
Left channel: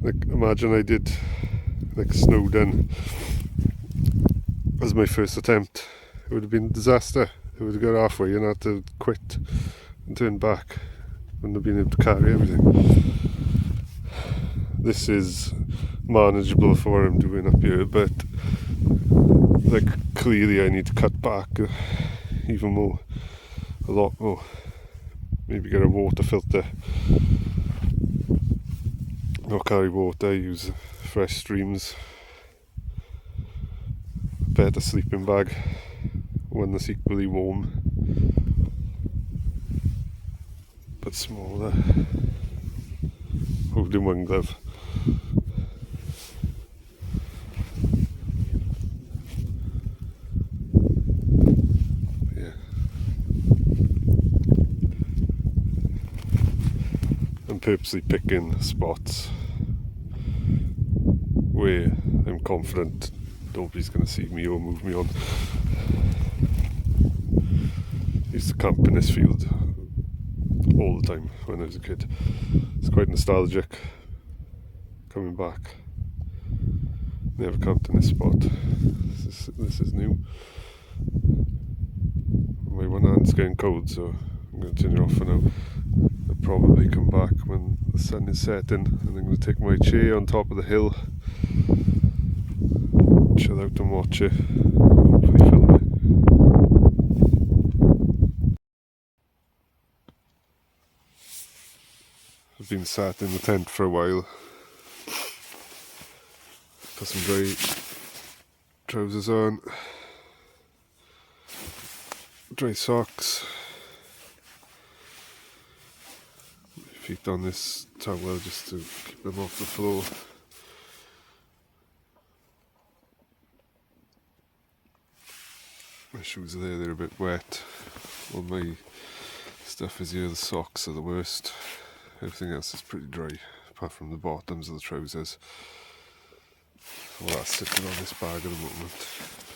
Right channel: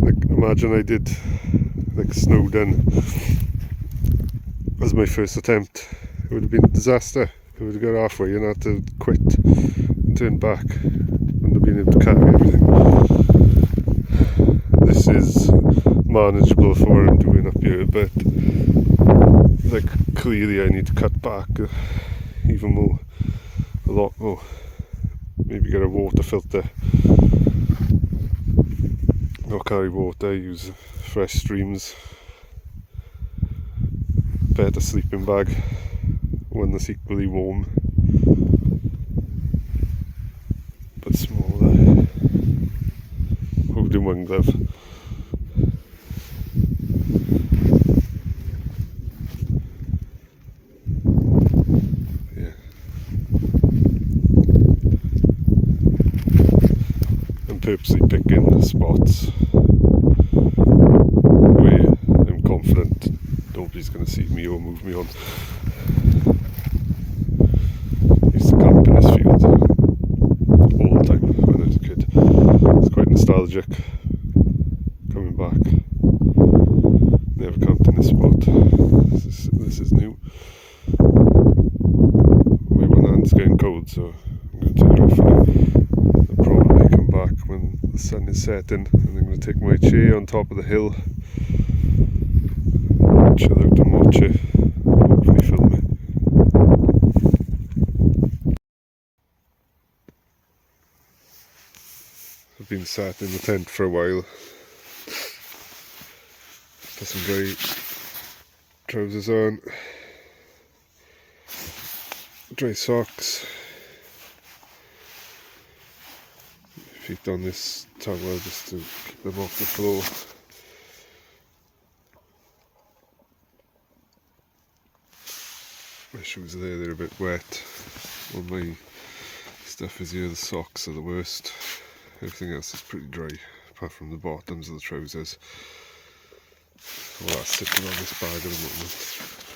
Like, imagine I did like Snowdon as my first attempt. It would have been a disaster. It would have got halfway and had to quit and turn back. Wouldn't have been able to carry everything. This is manageable for what I'm doing up here, but like clearly I need to cut back even more, a lot more. Maybe get a water filter. Not carry water, use fresh streams. Better sleeping bag, one that's equally warm but smaller. Holding one glove. Yeah. I'm purposely picking spots where I'm confident nobody's going to see me or move me on. I used to camp in this field all the time when I was a kid. It's quite nostalgic coming back. Never camped in this spot. This is new. My one hand's getting cold, so I'm going to turn it off for now. I'll probably come back when the sun is setting, and I'm going to take my chair on top of the hill, chill out and watch it, hopefully film it. I've been sat in the tent for a while. Put some dry trousers on, dry socks, feet on this towel just to keep them off the floor. My shoes are there, they're a bit wet. All my stuff is here, the socks are the worst. Everything else is pretty dry, apart from the bottoms of the trousers. All that's sitting on this bag at the moment.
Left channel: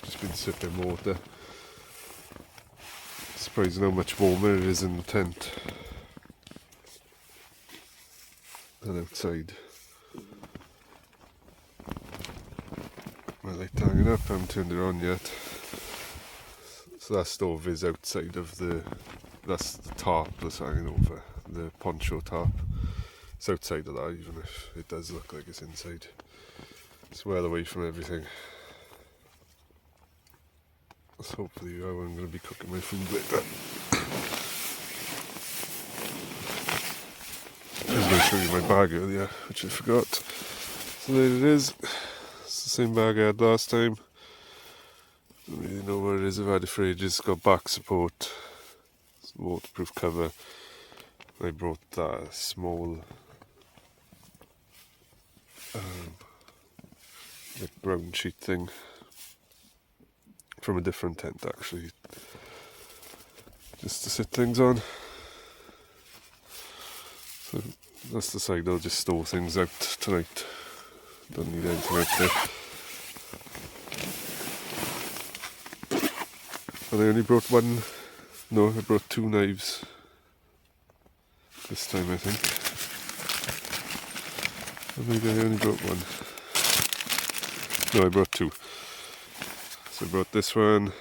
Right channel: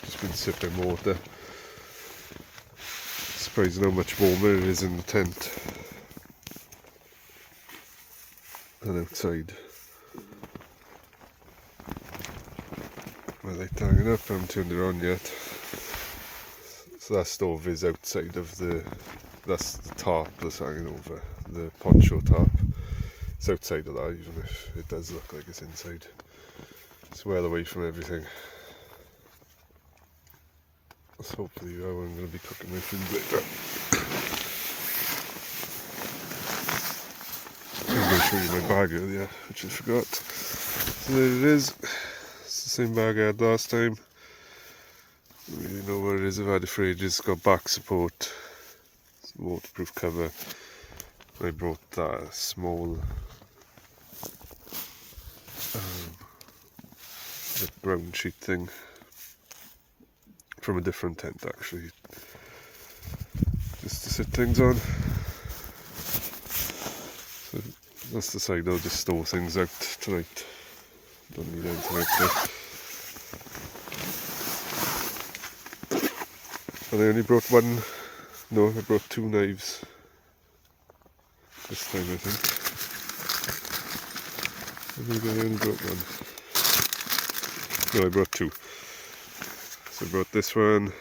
Just been sipping water. Surprising how much warmer it is in the tent than outside. My light hanging up, I haven't turned it on yet. So that stove is outside of that's the tarp that's hanging over, the poncho tarp. It's outside of that, even if it does look like it's inside. It's well away from everything. That's hopefully how I'm going to be cooking my food later. I was going to show you my bag earlier, which I forgot. So there it is. It's the same bag I had last time. I don't really know where it is. I've had it for ages. It's got back support. It's a waterproof cover. I brought that small like brown sheet thing from a different tent actually, just to sit things on. So that's the side I'll just store things out tonight. Don't need anything out there. And I only brought one, no, I brought 2 knives this time, I think. Or maybe I only brought 1. No, I brought 2. So I brought this one.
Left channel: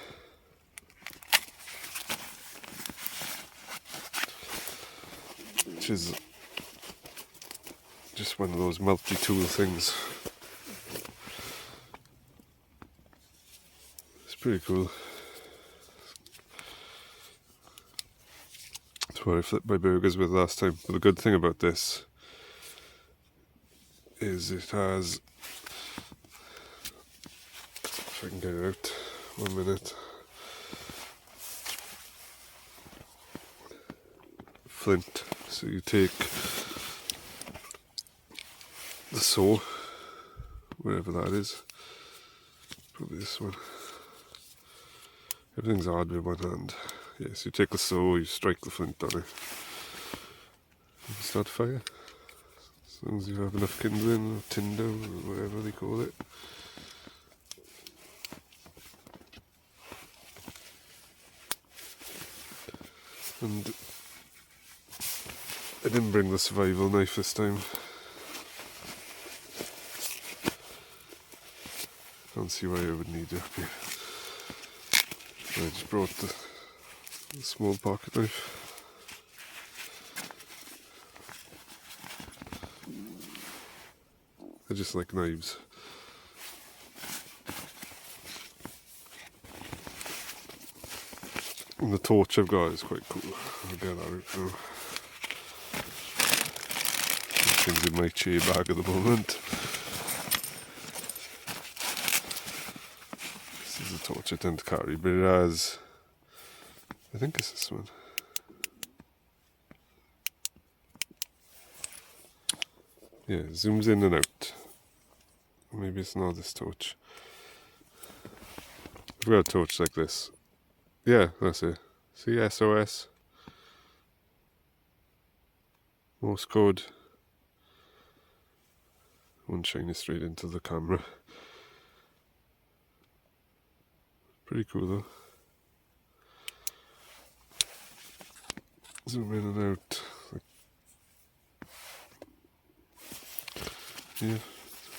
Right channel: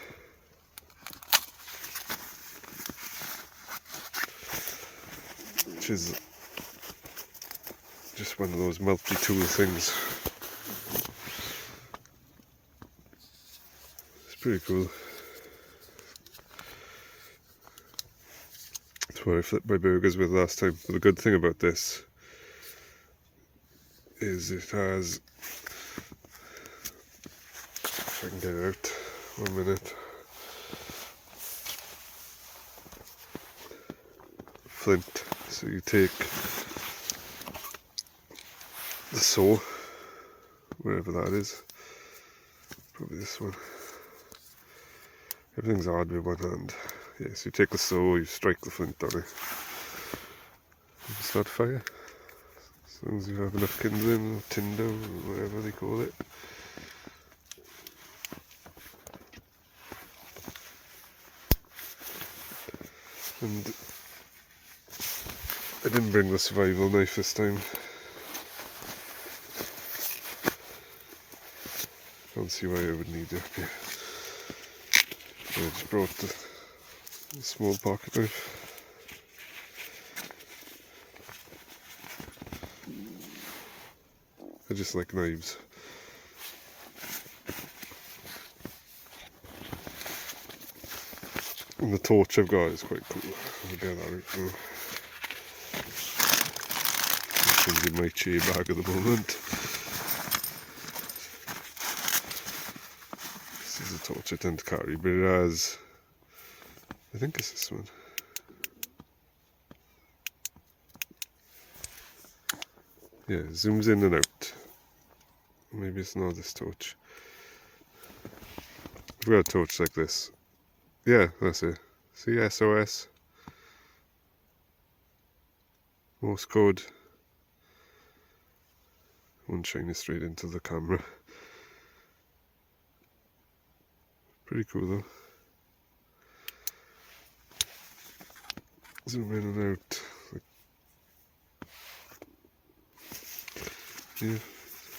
Which is just one of those multi-tool things. It's pretty cool. That's what I flipped my burgers with last time. But the good thing about this is it has, if I can get it out, 1 minute. Flint. So you take the saw, wherever that is, probably this one. Everything's hard with one hand. Yeah, so you take the saw, you strike the flint on it, you can start fire. As long as you have enough kindling or tinder or whatever they call it. And I didn't bring the survival knife this time. Can't see why I would need it up here. I just brought the small pocket knife. I just like knives. And the torch I've got is quite cool. I'll get that out now. Things in my chair bag at the moment. This is a torch I tend to carry, but it has, I think it's this one. Yeah, it zooms in and out. Maybe it's not this torch. I've got a torch like this. Yeah, that's it. See, SOS. Morse code. One shining straight into the camera. Pretty cool though. Zoom in and out. Yeah,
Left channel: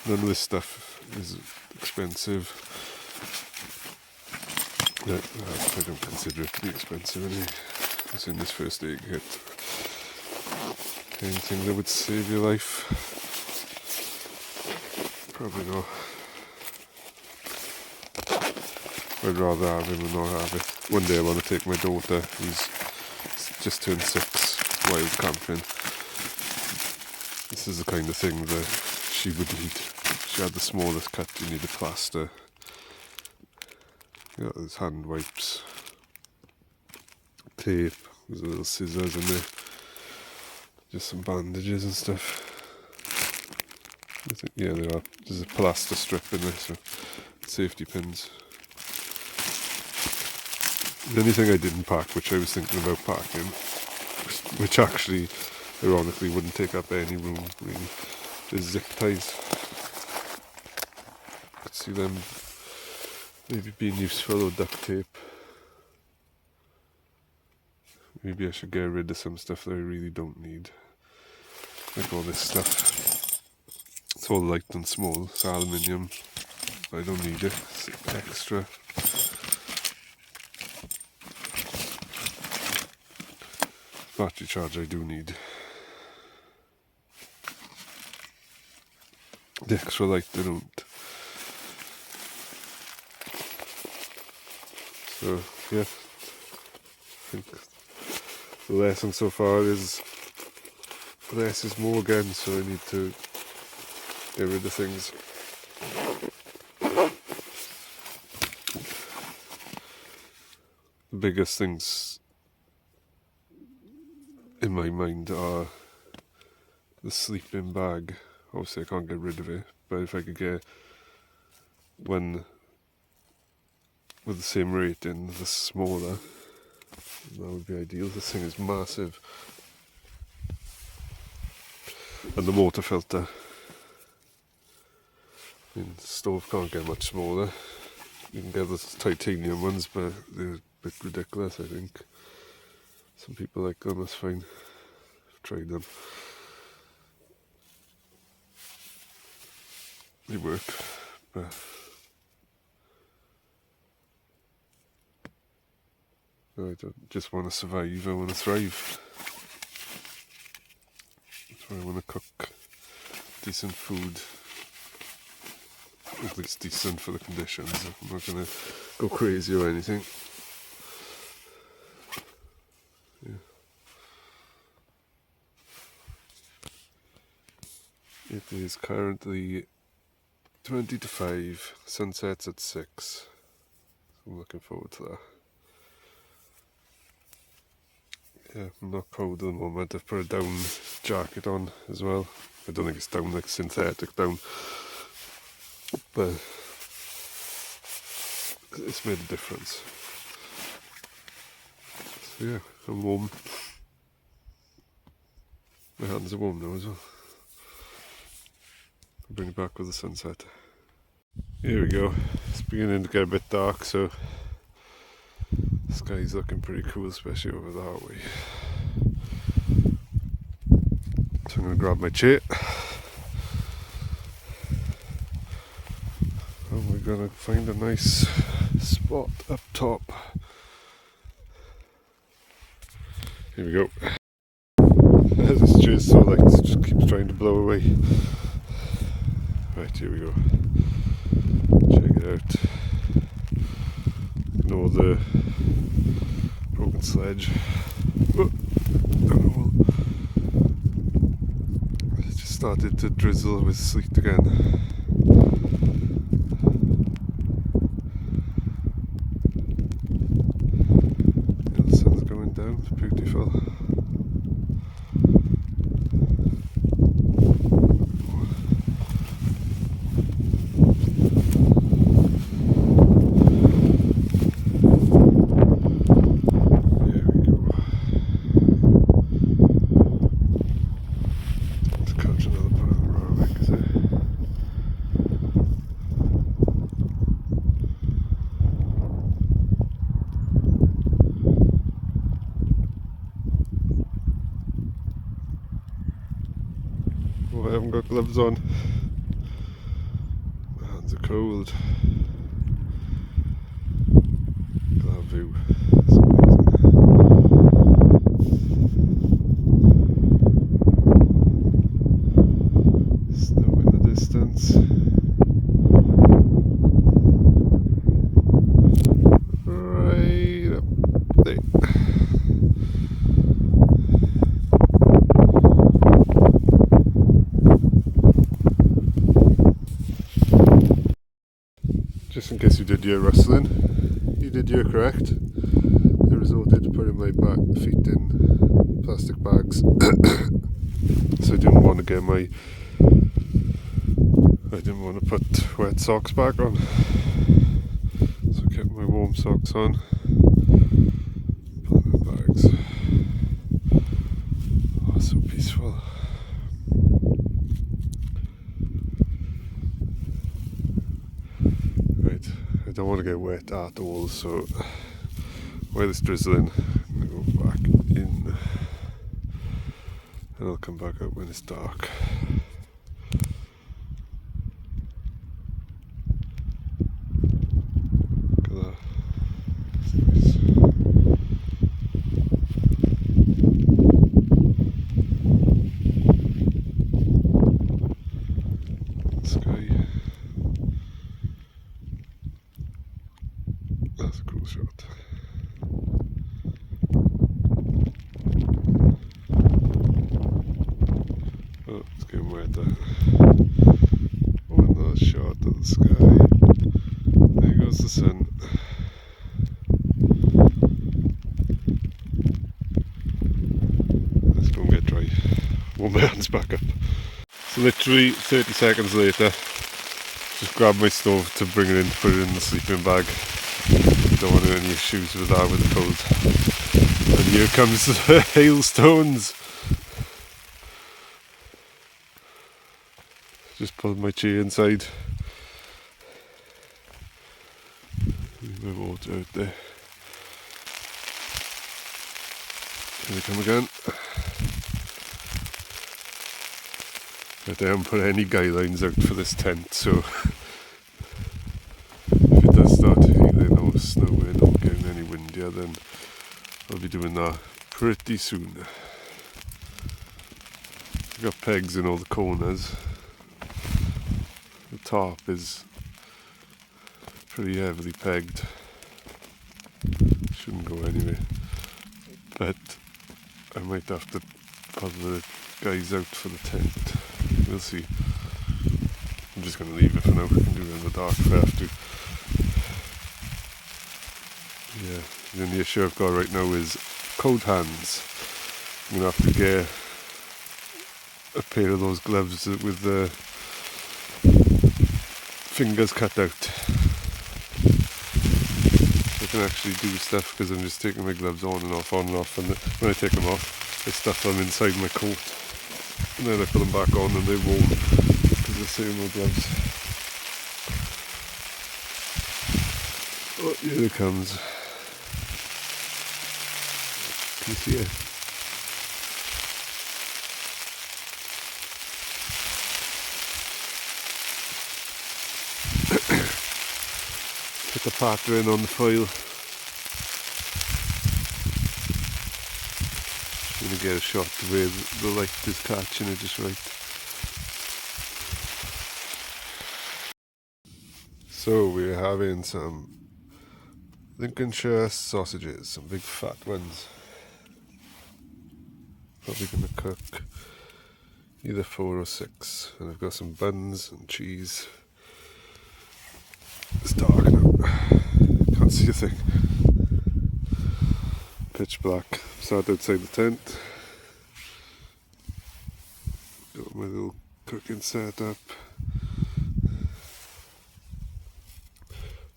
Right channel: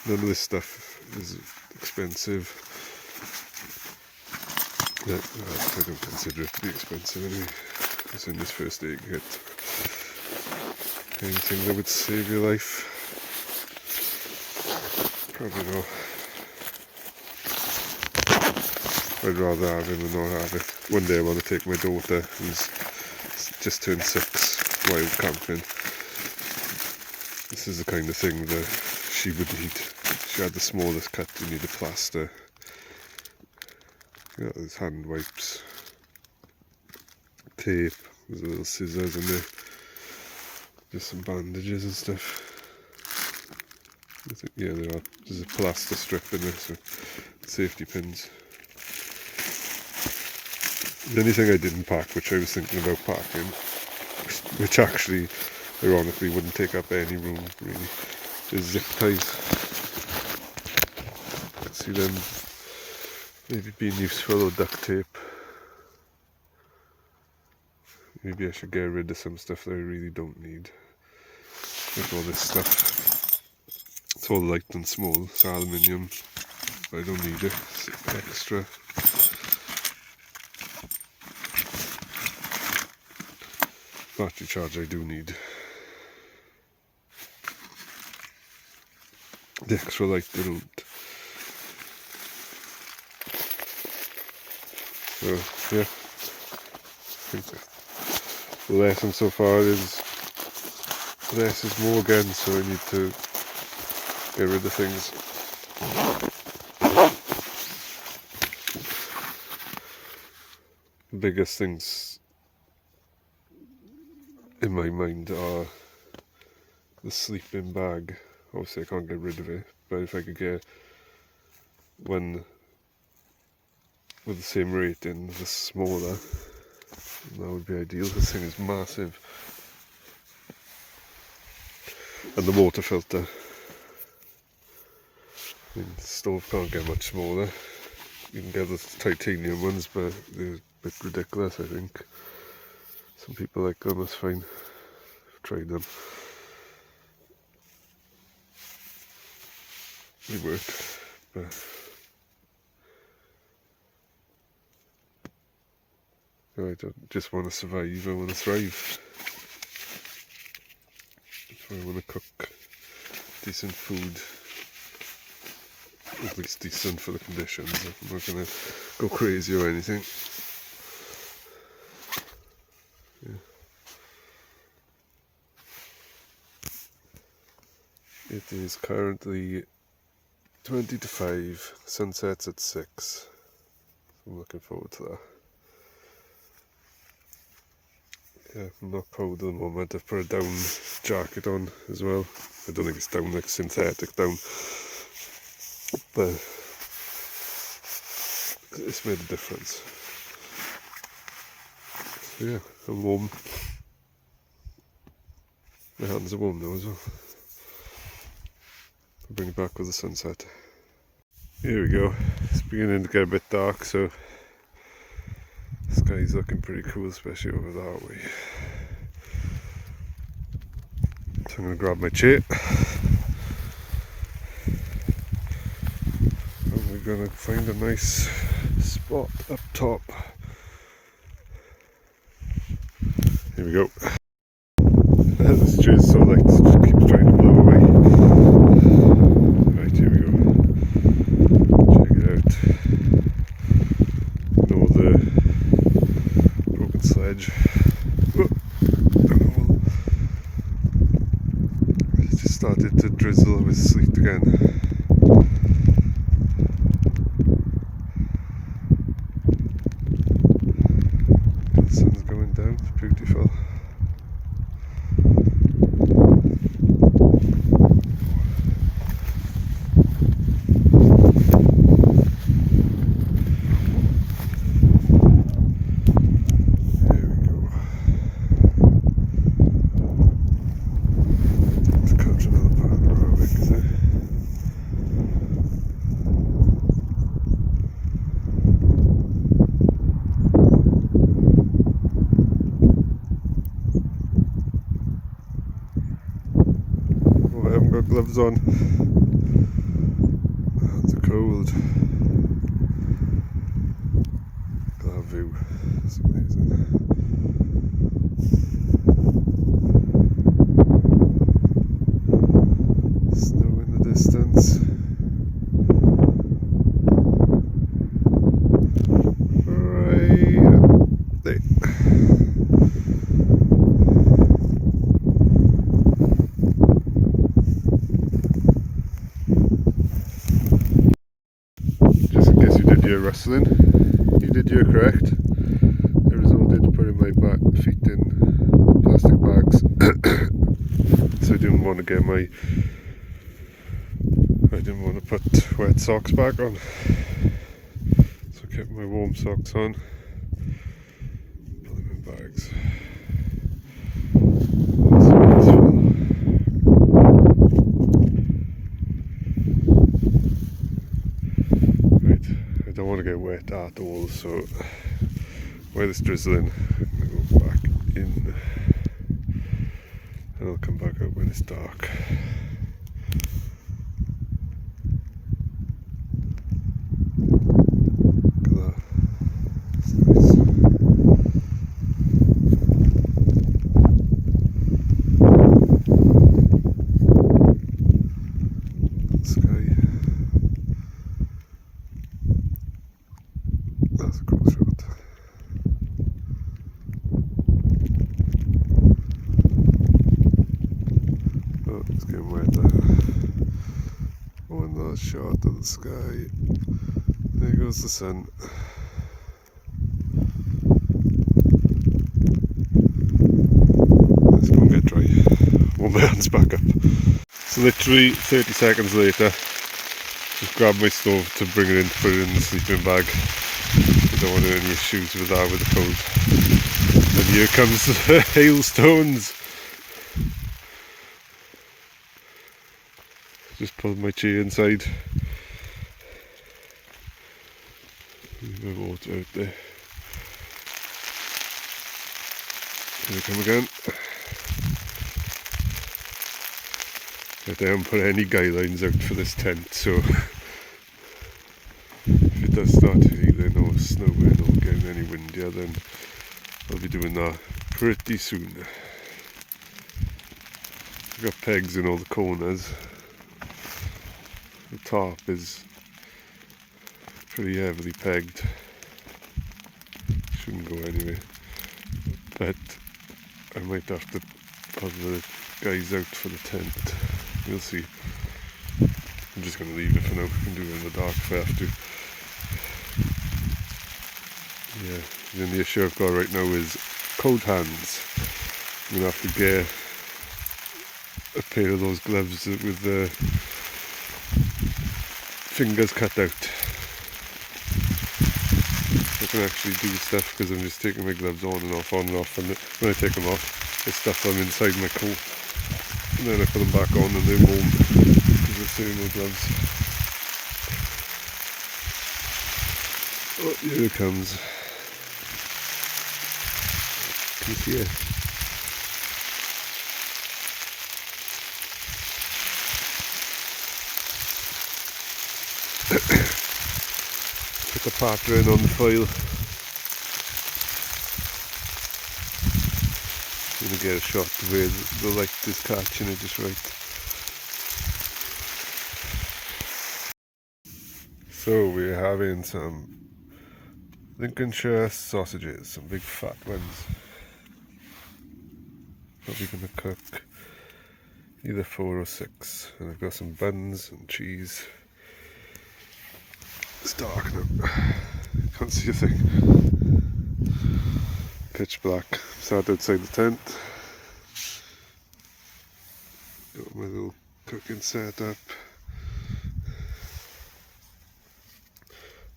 none of this stuff is expensive. No, I don't consider it to be expensive anyway. It's in this first aid kit. Anything that would save your life? Probably not. I'd rather have him than not have it. One day I want to take my daughter, who's just turned 6, wild camping. This is the kind of thing that she would need. She had the smallest cut, you need a plaster. Yeah, there's hand wipes, tape, there's little scissors in there, just some bandages and stuff. I think, yeah, there's a plaster strip in there, so safety pins. The only thing I didn't pack, which I was thinking about packing, which actually, ironically, wouldn't take up any room really, is zip ties. See them maybe being useful, or duct tape. Maybe I should get rid of some stuff that I really don't need. Like all this stuff. It's all light and small, it's aluminium. I don't need it, it's extra. Battery charge I do need. The extra light I don't. So yeah, I think the lesson so far is less is more again, so I need to get rid of things. The biggest things in my mind are the sleeping bag. Obviously I can't get rid of it, but if I could get one with the same rating, the smaller, that would be ideal. This thing is massive. And the water filter. I mean, the stove can't get much smaller. You can get the titanium ones, but they're bit ridiculous, I think. Some people like them, that's fine. I've tried them. They work, but I don't just want to survive, I want to thrive. So I want to cook decent food, at least decent for the conditions. I'm not going to go crazy or anything. Yeah. It is currently 20 to 5, sunsets at 6. So I'm looking forward to that. Yeah, I'm not cold at the moment. I've put a down jacket on as well. I don't think it's down, like synthetic down, but it's made a difference. So yeah, I'm warm. My hands are warm now as well. I'll bring it back with the sunset. Here we go. It's beginning to get a bit dark, so the sky's looking pretty cool, especially over that way. So I'm going to grab my chair and we're going to find a nice spot up top. Here we go. This chair is so light, it just keeps trying to blow away. Right, here we go. Check it out. Ignore the broken sledge. Oh, it just started to drizzle with sleet again. The sun's going down, it's beautiful. I haven't got gloves on. My hands are cold. Look at that view. It's amazing. Snow in the distance. Right up there. Guess you did your rustling. You did your correct. I resorted to putting my feet in plastic bags, so I didn't want to put wet socks back on. So I kept my warm socks on. Put them in bags. So peaceful. I don't want to get wet at all, so while it's drizzling, I'm going to go back in and I'll come back out when it's dark. Look at that, it's nice. Sky. That's a cool shot. Oh, it's getting wetter. One last shot of the sky. There goes the sun. Let's go and get dry. Warm my hands back up. So literally 30 seconds later, just grabbed my stove to bring it in, to put it in the sleeping bag. I don't want any issues with that with the cold. And here comes the hailstones. Just pulled my chair inside. Leave my water out there. Here they come again. But I haven't put any guidelines out for this tent, so if it does start hailing or snowing or getting any windier, then I'll be doing that pretty soon. I've got pegs in all the corners. The top is pretty heavily pegged. Shouldn't go anyway. But I might have to put the guys out for the tent. We'll see. I'm just going to leave it for now. I can do it in the dark if I have to. Yeah, the only issue I've got right now is cold hands. I'm going to have to get a pair of those gloves with the fingers cut out. I can actually do stuff because I'm just taking my gloves on and off, and when I take them off, I stuff them inside my coat. And then I put them back on and they're warm because they're saying no gloves. Oh, here it comes. Can you see it? Put the pattern on the foil. I'm going to get a shot where the light is catching it just right. So we're having some Lincolnshire sausages, some big fat ones. Probably going to cook either 4 or 6. And I've got some buns and cheese. It's dark now. Can't see a thing. Pitch black. Sat outside the tent. Got my little cooking setup.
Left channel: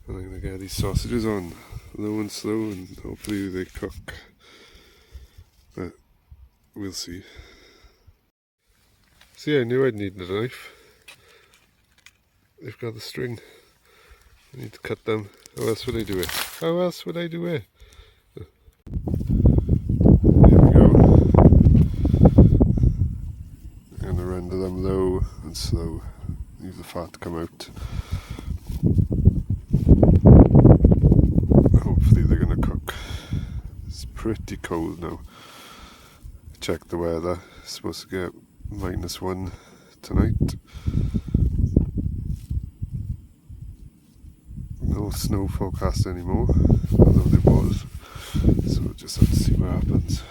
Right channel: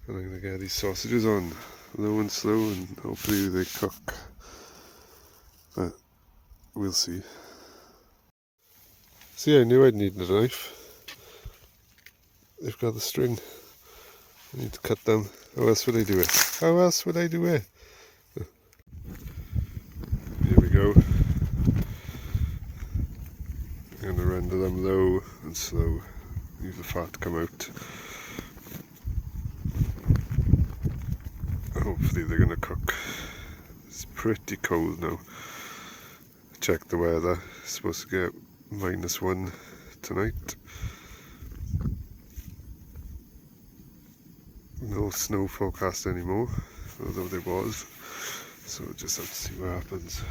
And I'm going to get these sausages on low and slow and hopefully they cook. But we'll see. See, I knew I'd need a knife. They've got the string. I need to cut them. How else would I do it? How else would I do it? Here we go. I'm going to render them low and slow. Leave the fat come out. Hopefully they're going to cook. It's pretty cold now. Check the weather. It's supposed to get -1 tonight. No snow forecast anymore, although there was, so we'll just have to see what happens.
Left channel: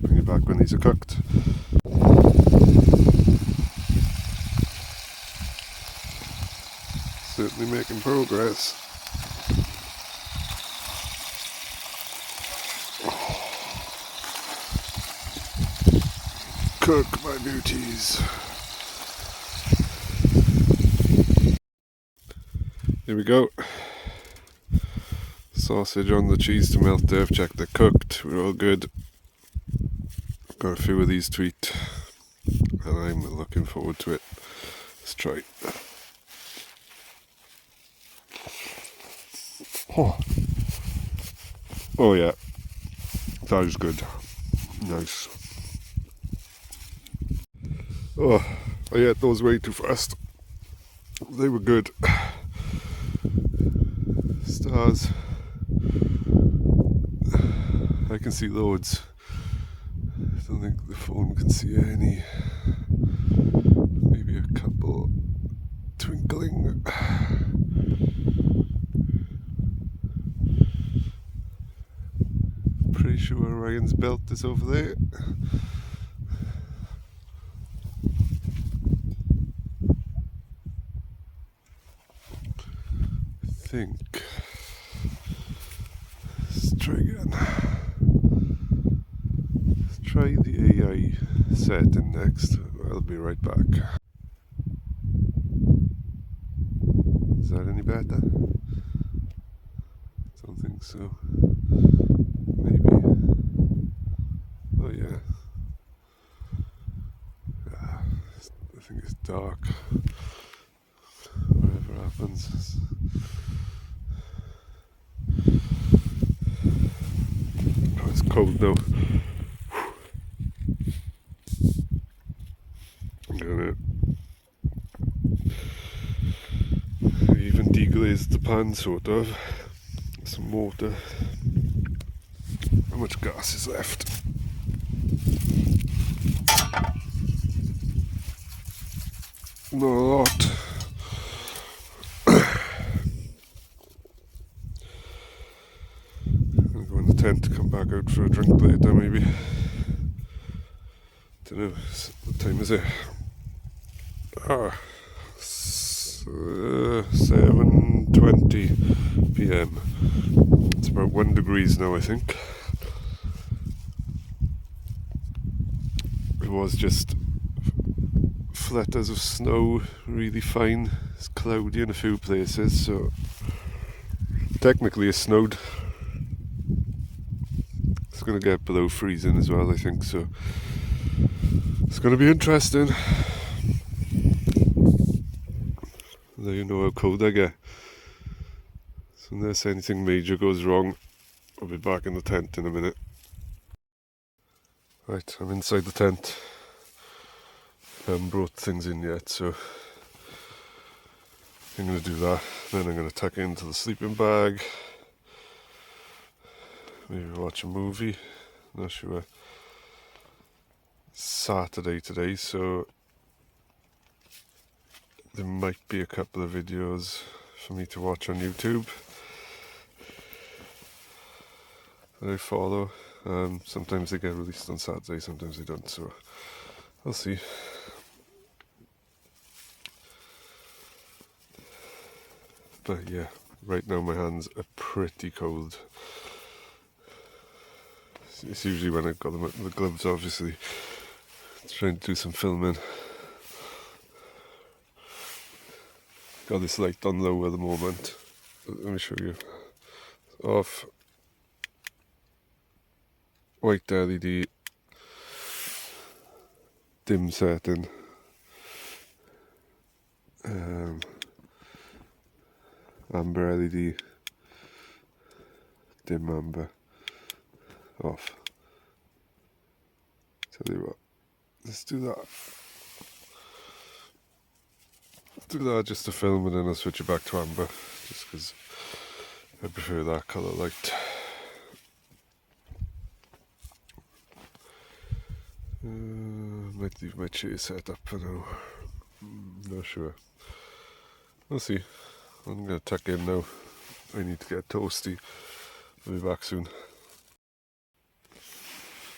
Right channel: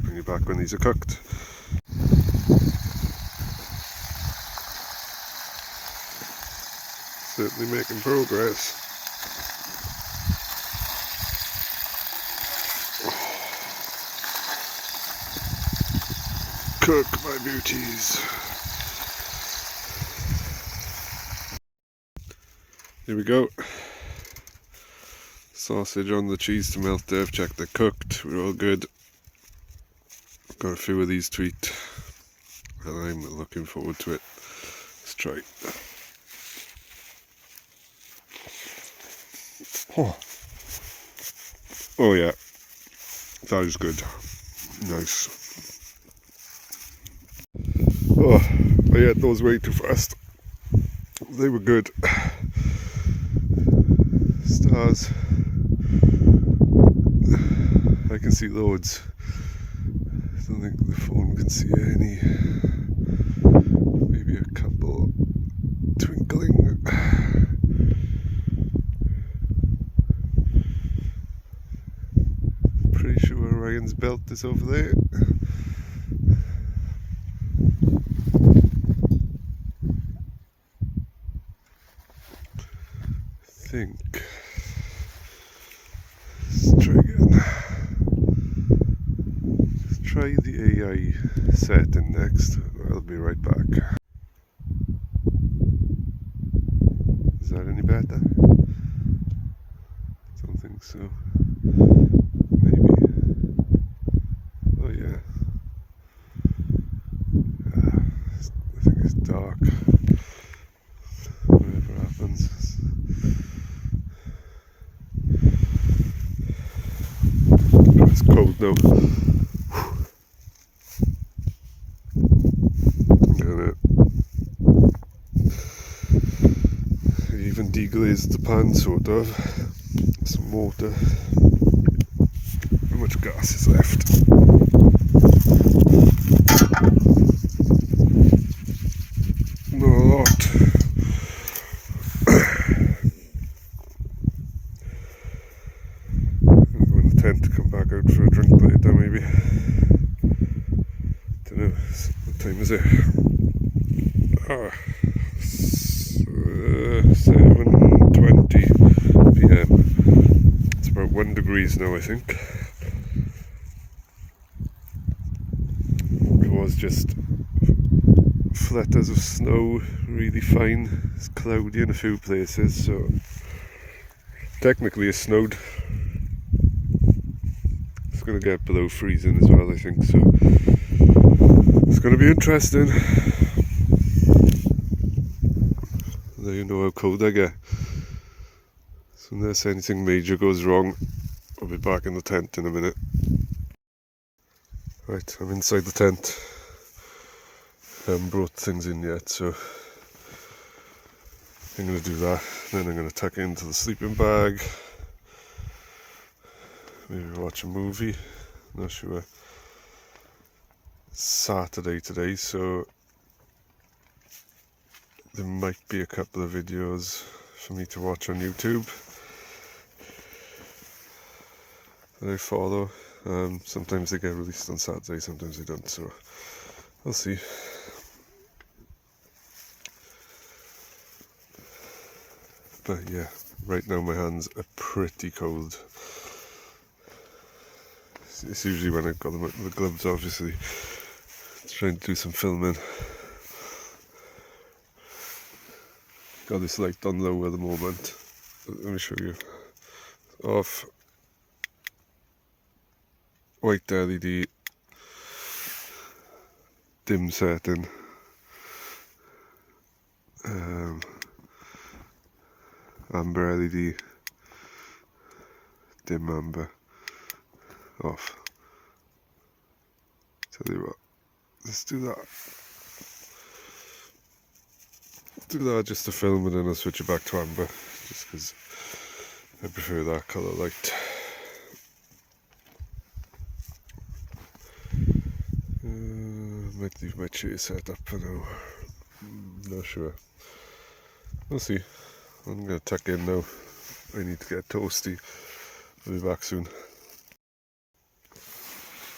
Bring you back when these are cooked. Certainly making progress. Cook my beauties. Here we go. Sausage on the cheese to melt there. I've checked they're cooked. We're all good. Got a few of these to eat. And I'm looking forward to it. Let's try. Oh yeah. That is good. Nice. Oh, I ate those way too fast. They were good. Stars. I can see loads. I don't think the phone can see any. Maybe a couple twinkling. Pretty sure Ryan's belt is over there. I think. Let's try again. Let's try the AI setting next. I'll be right back. Is that any better? Don't think so. Maybe. Oh yeah. I think it's dark. Whatever happens. cold now. And even deglazed the pan sort of. Some water. How much gas is left? Not a lot. I'll go in the tent to come back out for a drink later maybe. Don't know, what time is it? 7:20 PM. It's about 1 degree now, I think. It was just fletters of snow, really fine. It's cloudy in a few places, so technically it snowed. It's going to get below freezing as well, I think, so it's going to be interesting. Now you know how cold I get. So unless anything major goes wrong, I'll be back in the tent in a minute. Right, I'm inside the tent. I haven't brought things in yet, so I'm going to do that. Then I'm going to tuck it into the sleeping bag. Maybe watch a movie. Not sure. It's Saturday today, so there might be a couple of videos for me to watch on YouTube that I follow. Sometimes they get released on Saturday, sometimes they don't, so I'll see. But yeah, right now my hands are pretty cold. It's usually when I've got the gloves, obviously. Trying to do some filming. Got this light on low at the moment. Let me show you. Off. White LED. Dim setting. Amber LED. Dim amber. Off. Tell you what. Let's do that. Do that just to film, and then I'll switch it back to amber, just because I prefer that colour light. Might leave my chair set up for now. Not sure. We'll see. I'm going to tuck in now. I need to get toasty. I'll be back soon.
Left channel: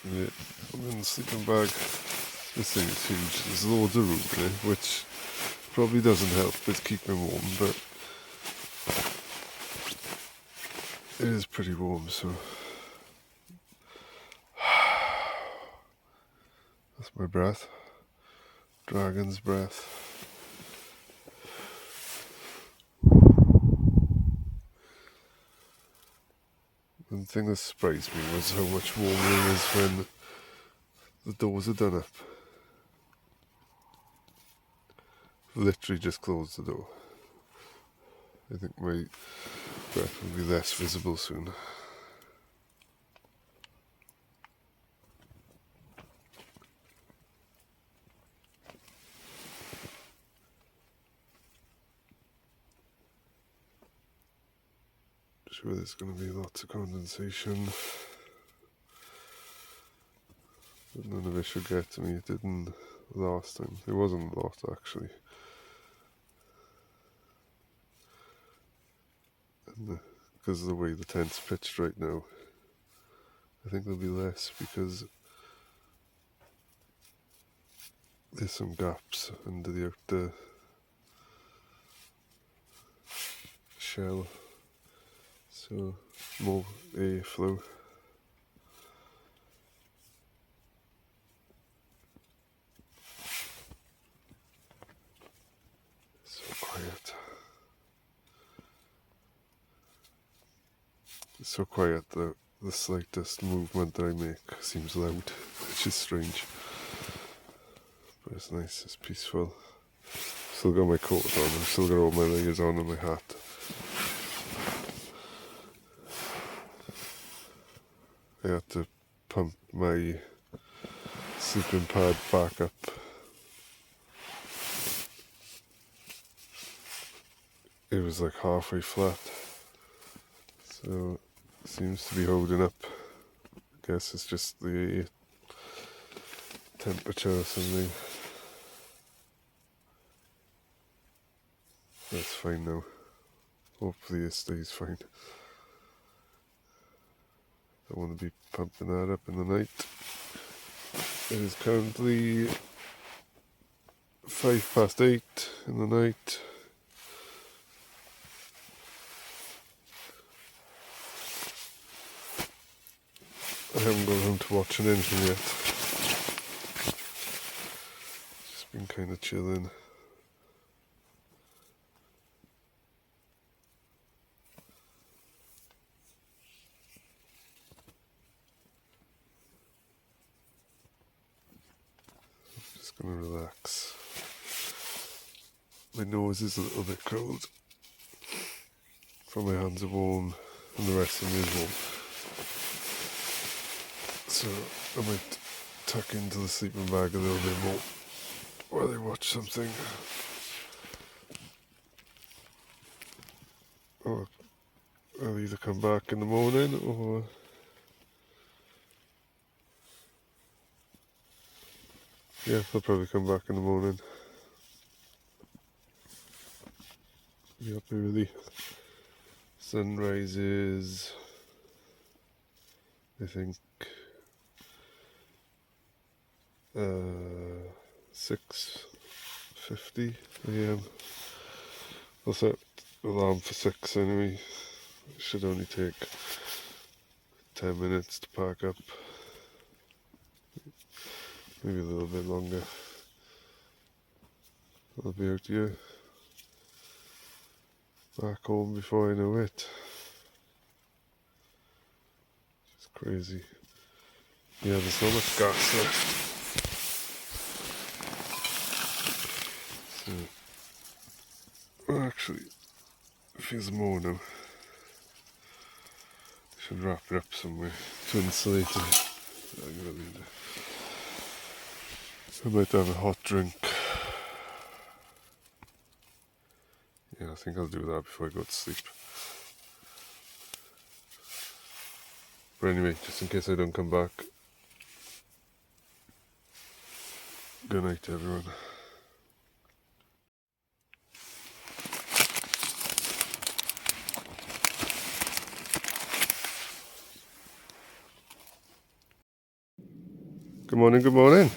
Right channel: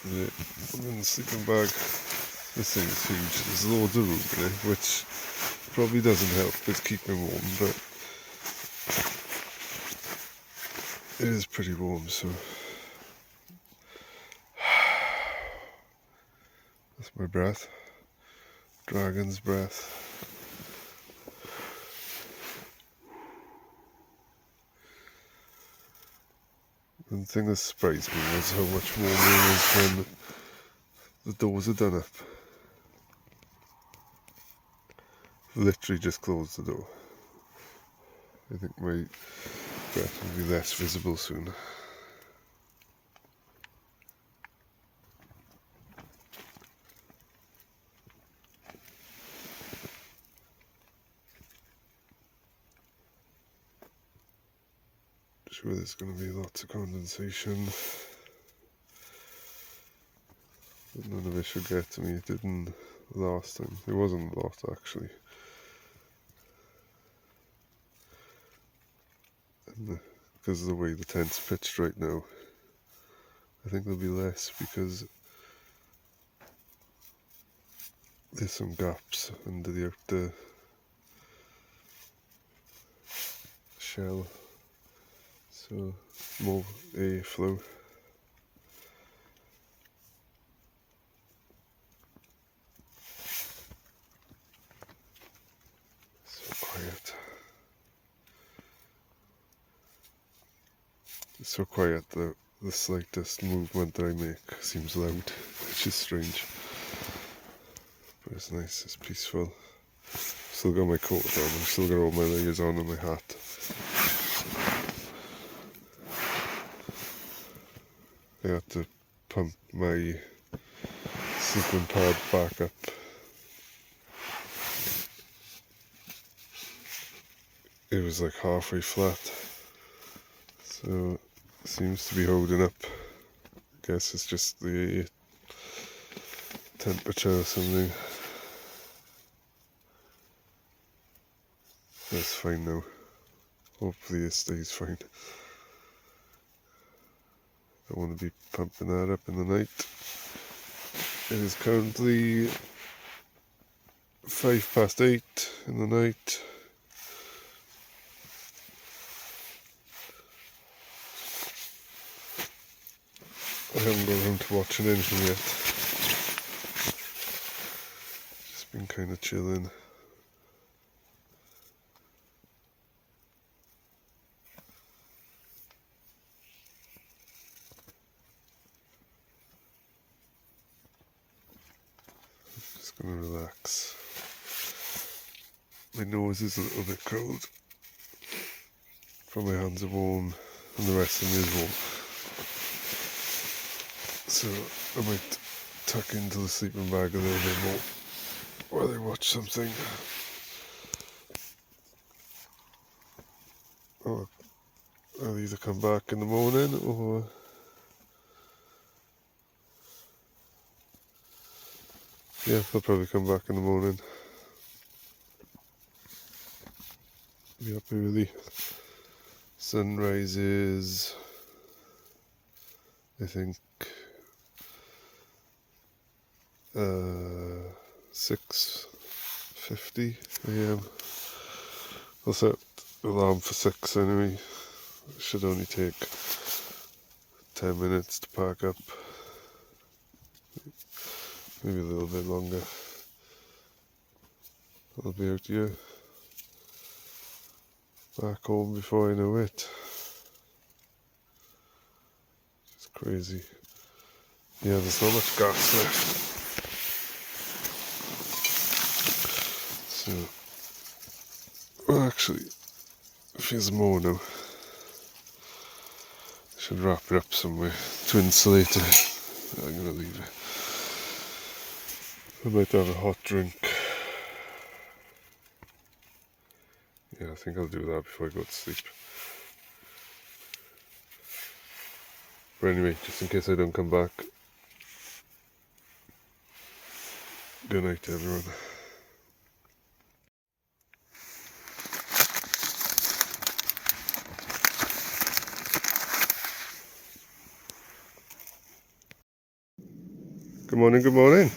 Yeah, I'm in the sleeping bag. This thing is huge. There's loads of room in it, which probably doesn't help with keeping warm, but it is pretty warm, so that's my breath. Dragon's breath. And the thing that surprised me was how much warmer it is when the doors are done up. Literally just closed the door. I think my breath will be less visible soon. Sure, there's going to be lots of condensation. But none of it should get to me. It didn't last time. It wasn't a lot actually. And because of the way the tent's pitched right now, I think there'll be less because there's some gaps under the outer shell, so more airflow. So quiet. It's so quiet that the slightest movement that I make seems loud, which is strange. But it's nice, it's peaceful. Still got my coat on, I've still got all my layers on and my hat. I had to pump my sleeping pad back up. It was like halfway flat, so it seems to be holding up. I guess it's just the temperature or something. That's fine now. Hopefully it stays fine. I want to be pumping that up in the night. It is currently 8:05 in the night. I haven't got around to watching anything yet. Just been kind of chilling. Just gonna relax. My nose is a little bit cold, but my hands are warm and the rest of me is warm. So I might tuck into the sleeping bag a little bit more while I watch something. Or I'll either come back in the morning or I'll probably come back in the morning. Be up early. Sunrise is, I think, 6:50 a.m. I'll set the alarm for 6 anyway. It should only take 10 minutes to pack up. Maybe a little bit longer. I'll be out here back home before I know it. It's crazy. Yeah, there's not much gas left. So, well, actually, if there's more now, I should wrap it up somewhere to insulate it. I'm going to leave it. I might have a hot drink. Yeah, I think I'll do that before I go to sleep. But anyway, just in case I don't come back, good night everyone. Good morning, good morning.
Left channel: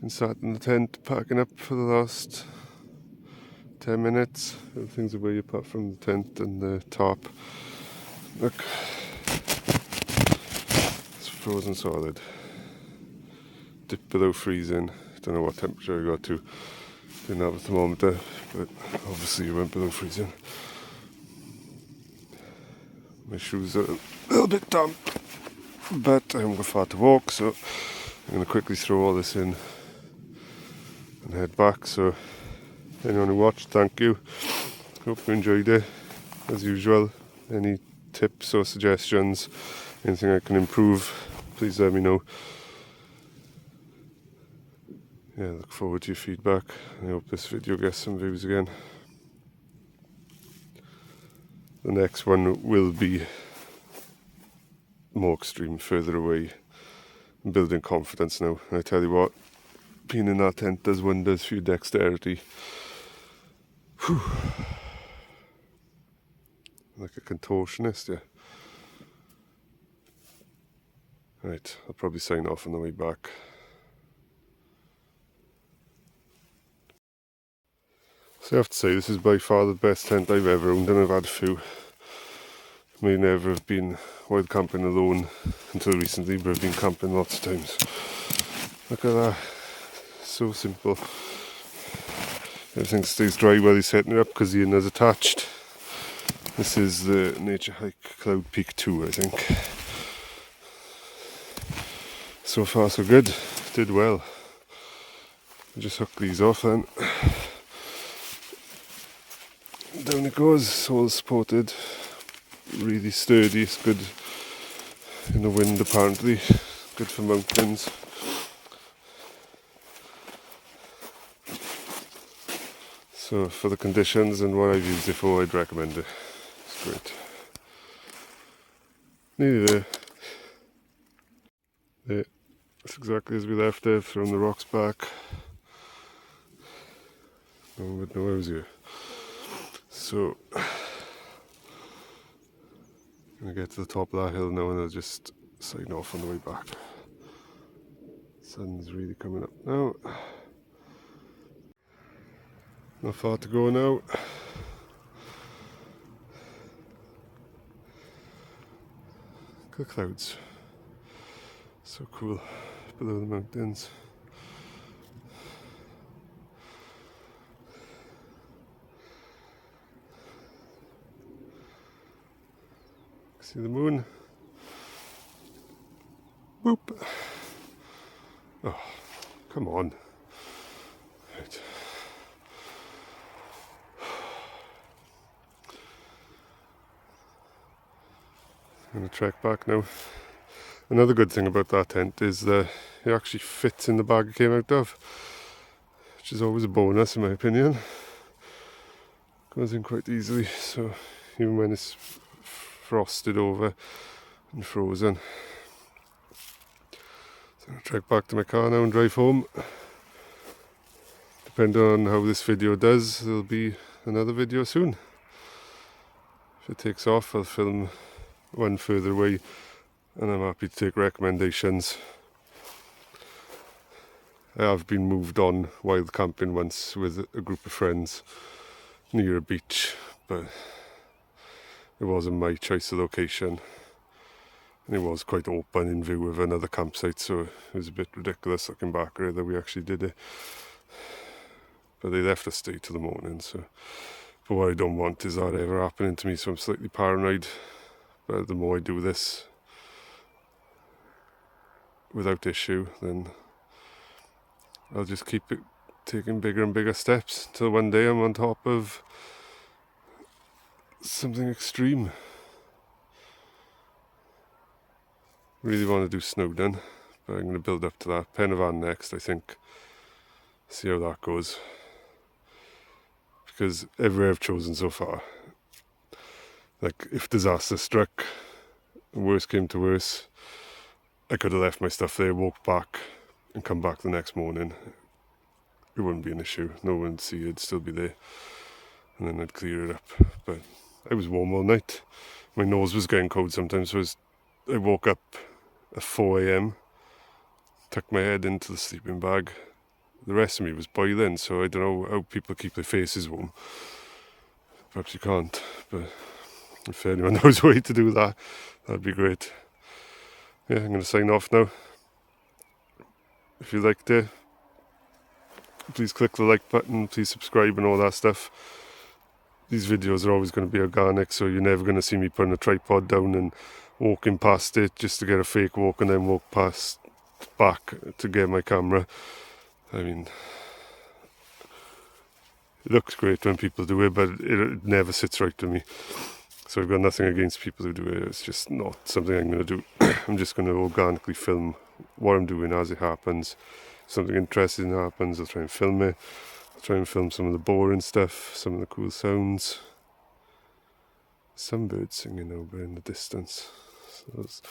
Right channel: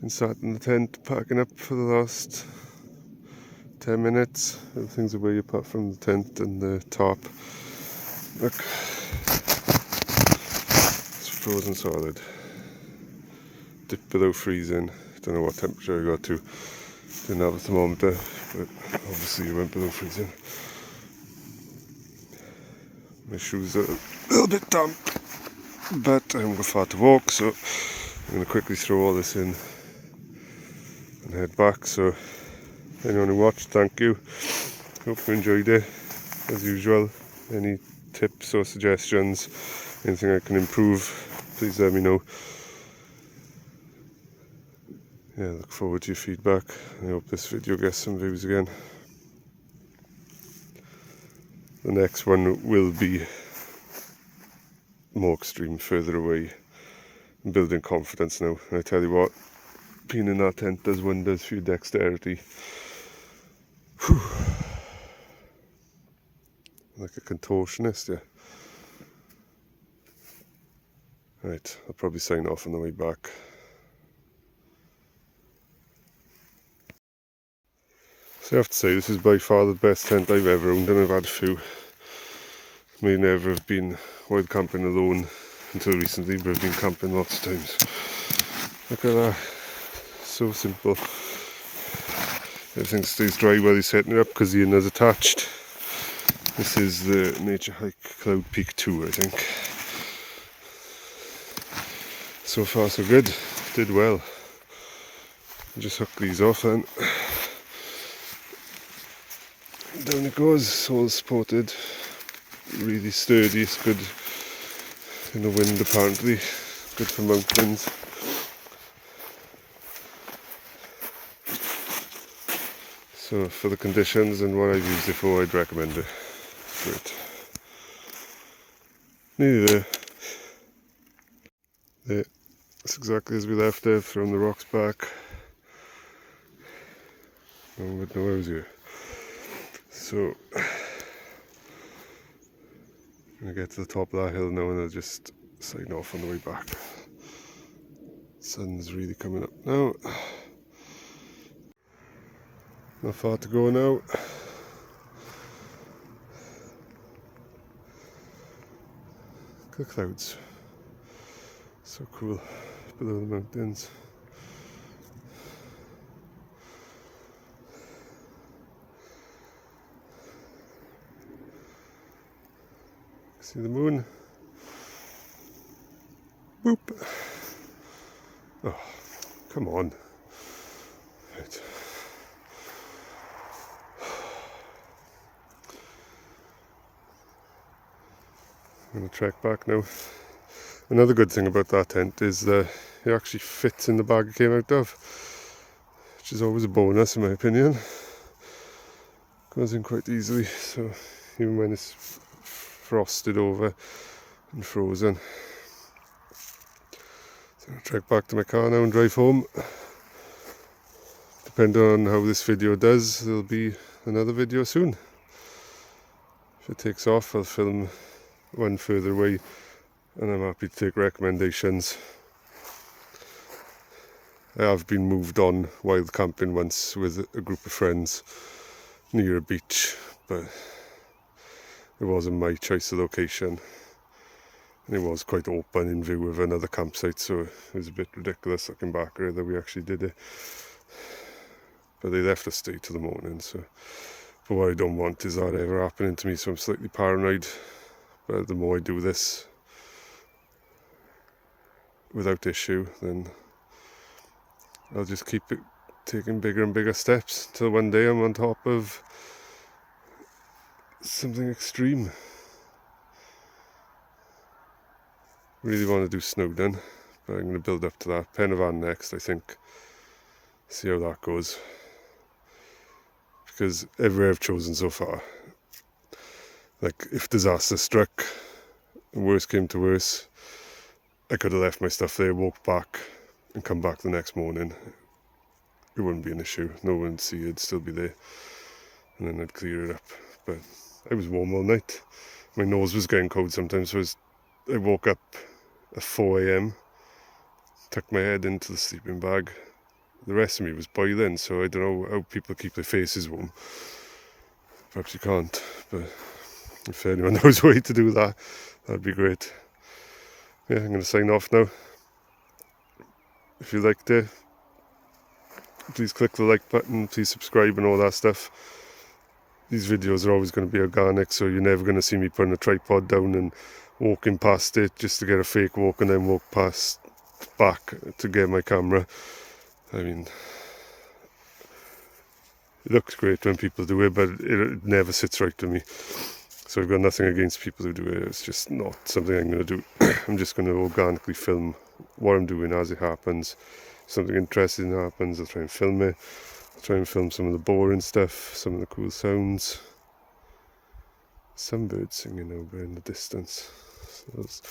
Been sat in the tent packing up for the last 10 minutes. Everything's away apart from the tent and the tarp. Look, it's frozen solid. Dipped below freezing. Don't know what temperature I got to. Didn't have a thermometer, but obviously it went below freezing. My shoes are a little bit damp, but I haven't got far to walk, so I'm going to quickly throw all this in and head back. So anyone who watched, thank you. Hope you enjoyed it. As usual, any tips or suggestions, anything I can improve, please let me know. Yeah, look forward to your feedback. I hope this video gets some views again. The next one will be more extreme, further away, building confidence now. I tell you what, being in that tent does wonders for your dexterity. Whew. Like a contortionist, yeah. Right, I'll probably sign off on the way back. So I have to say, this is by far the best tent I've ever owned, and I've had a few. May never have been wild camping alone until recently, but I've been camping lots of times. Look at that, so simple. Everything stays dry while you're setting it up because the inner's attached. This is the Nature Hike Cloud Peak 2, I think. So far so good, did well. I'll just hook these off then. Down it goes, all supported. really sturdy. It's good in the wind apparently, good for mountains. So for the conditions and what I've used it for, I'd recommend it. It's great. Nearly there. There. It's exactly as we left it, thrown the rocks back. No, but no, I was here. So I'm gonna get to the top of that hill now and I'll just sign off on the way back. Sun's really coming up now. Not far to go now. Look at the clouds. So cool below the mountains. See the moon? Boop! Oh, come on. Right. I'm going to trek back now. Another good thing about that tent is that it actually fits in the bag it came out of, which is always a bonus in my opinion. Goes in quite easily, so even when it's frosted over and frozen. So I'll trek back to my car now and drive home. Depending on how this video does, there'll be another video soon. If it takes off, I'll film one further away, and I'm happy to take recommendations. I have been moved on wild camping once with a group of friends near a beach, but it wasn't my choice of location, and it was quite open in view of another campsite, so it was a bit ridiculous looking back that we actually did it. But they left us stay till the morning, so but what I don't want is that ever happening to me, so I'm slightly paranoid. But the more I do this without issue, then I'll just keep it taking bigger and bigger steps till one day I'm on top of something extreme. Really want to do Snowdon, but I'm going to build up to that. Pen y Fan next, I think. See how that goes. Because everywhere I've chosen so far, like if disaster struck, and worst came to worst, I could have left my stuff there, walked back, and come back the next morning. It wouldn't be an issue. No one would see it, it'd still be there. And then I'd clear it up. But I was warm all night. My nose was getting cold sometimes, so I woke up at 4 a.m, tucked my head into the sleeping bag. The rest of me was boiling, so I don't know how people keep their faces warm. Perhaps you can't, but if anyone knows a way to do that, that'd be great. Yeah, I'm going to sign off now. If you liked it, please click the like button, please subscribe and all that stuff. These videos are always going to be organic, so you're never going to see me putting a tripod down and walking past it just to get a fake walk and then walk past back to get my camera. I mean, it looks great when people do it, but it never sits right with me. So I've got nothing against people who do it. It's just not something I'm going to do. I'm just going to organically film what I'm doing as it happens. If something interesting happens, I'll try and film it. I'll try and film some of the boring stuff, some of the cool sounds. Some birds singing over in the distance. So there's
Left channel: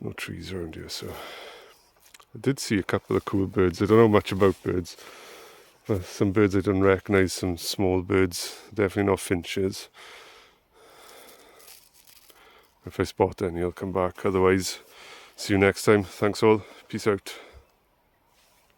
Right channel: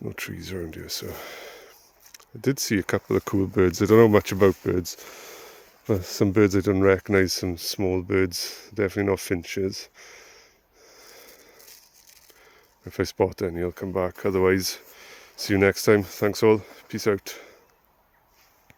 no trees around here, so I did see a couple of cool birds. I don't know much about birds, but some birds I don't recognise, some small birds, definitely not finches. If I spot any, I'll come back. Otherwise, see you next time. Thanks all. Peace out.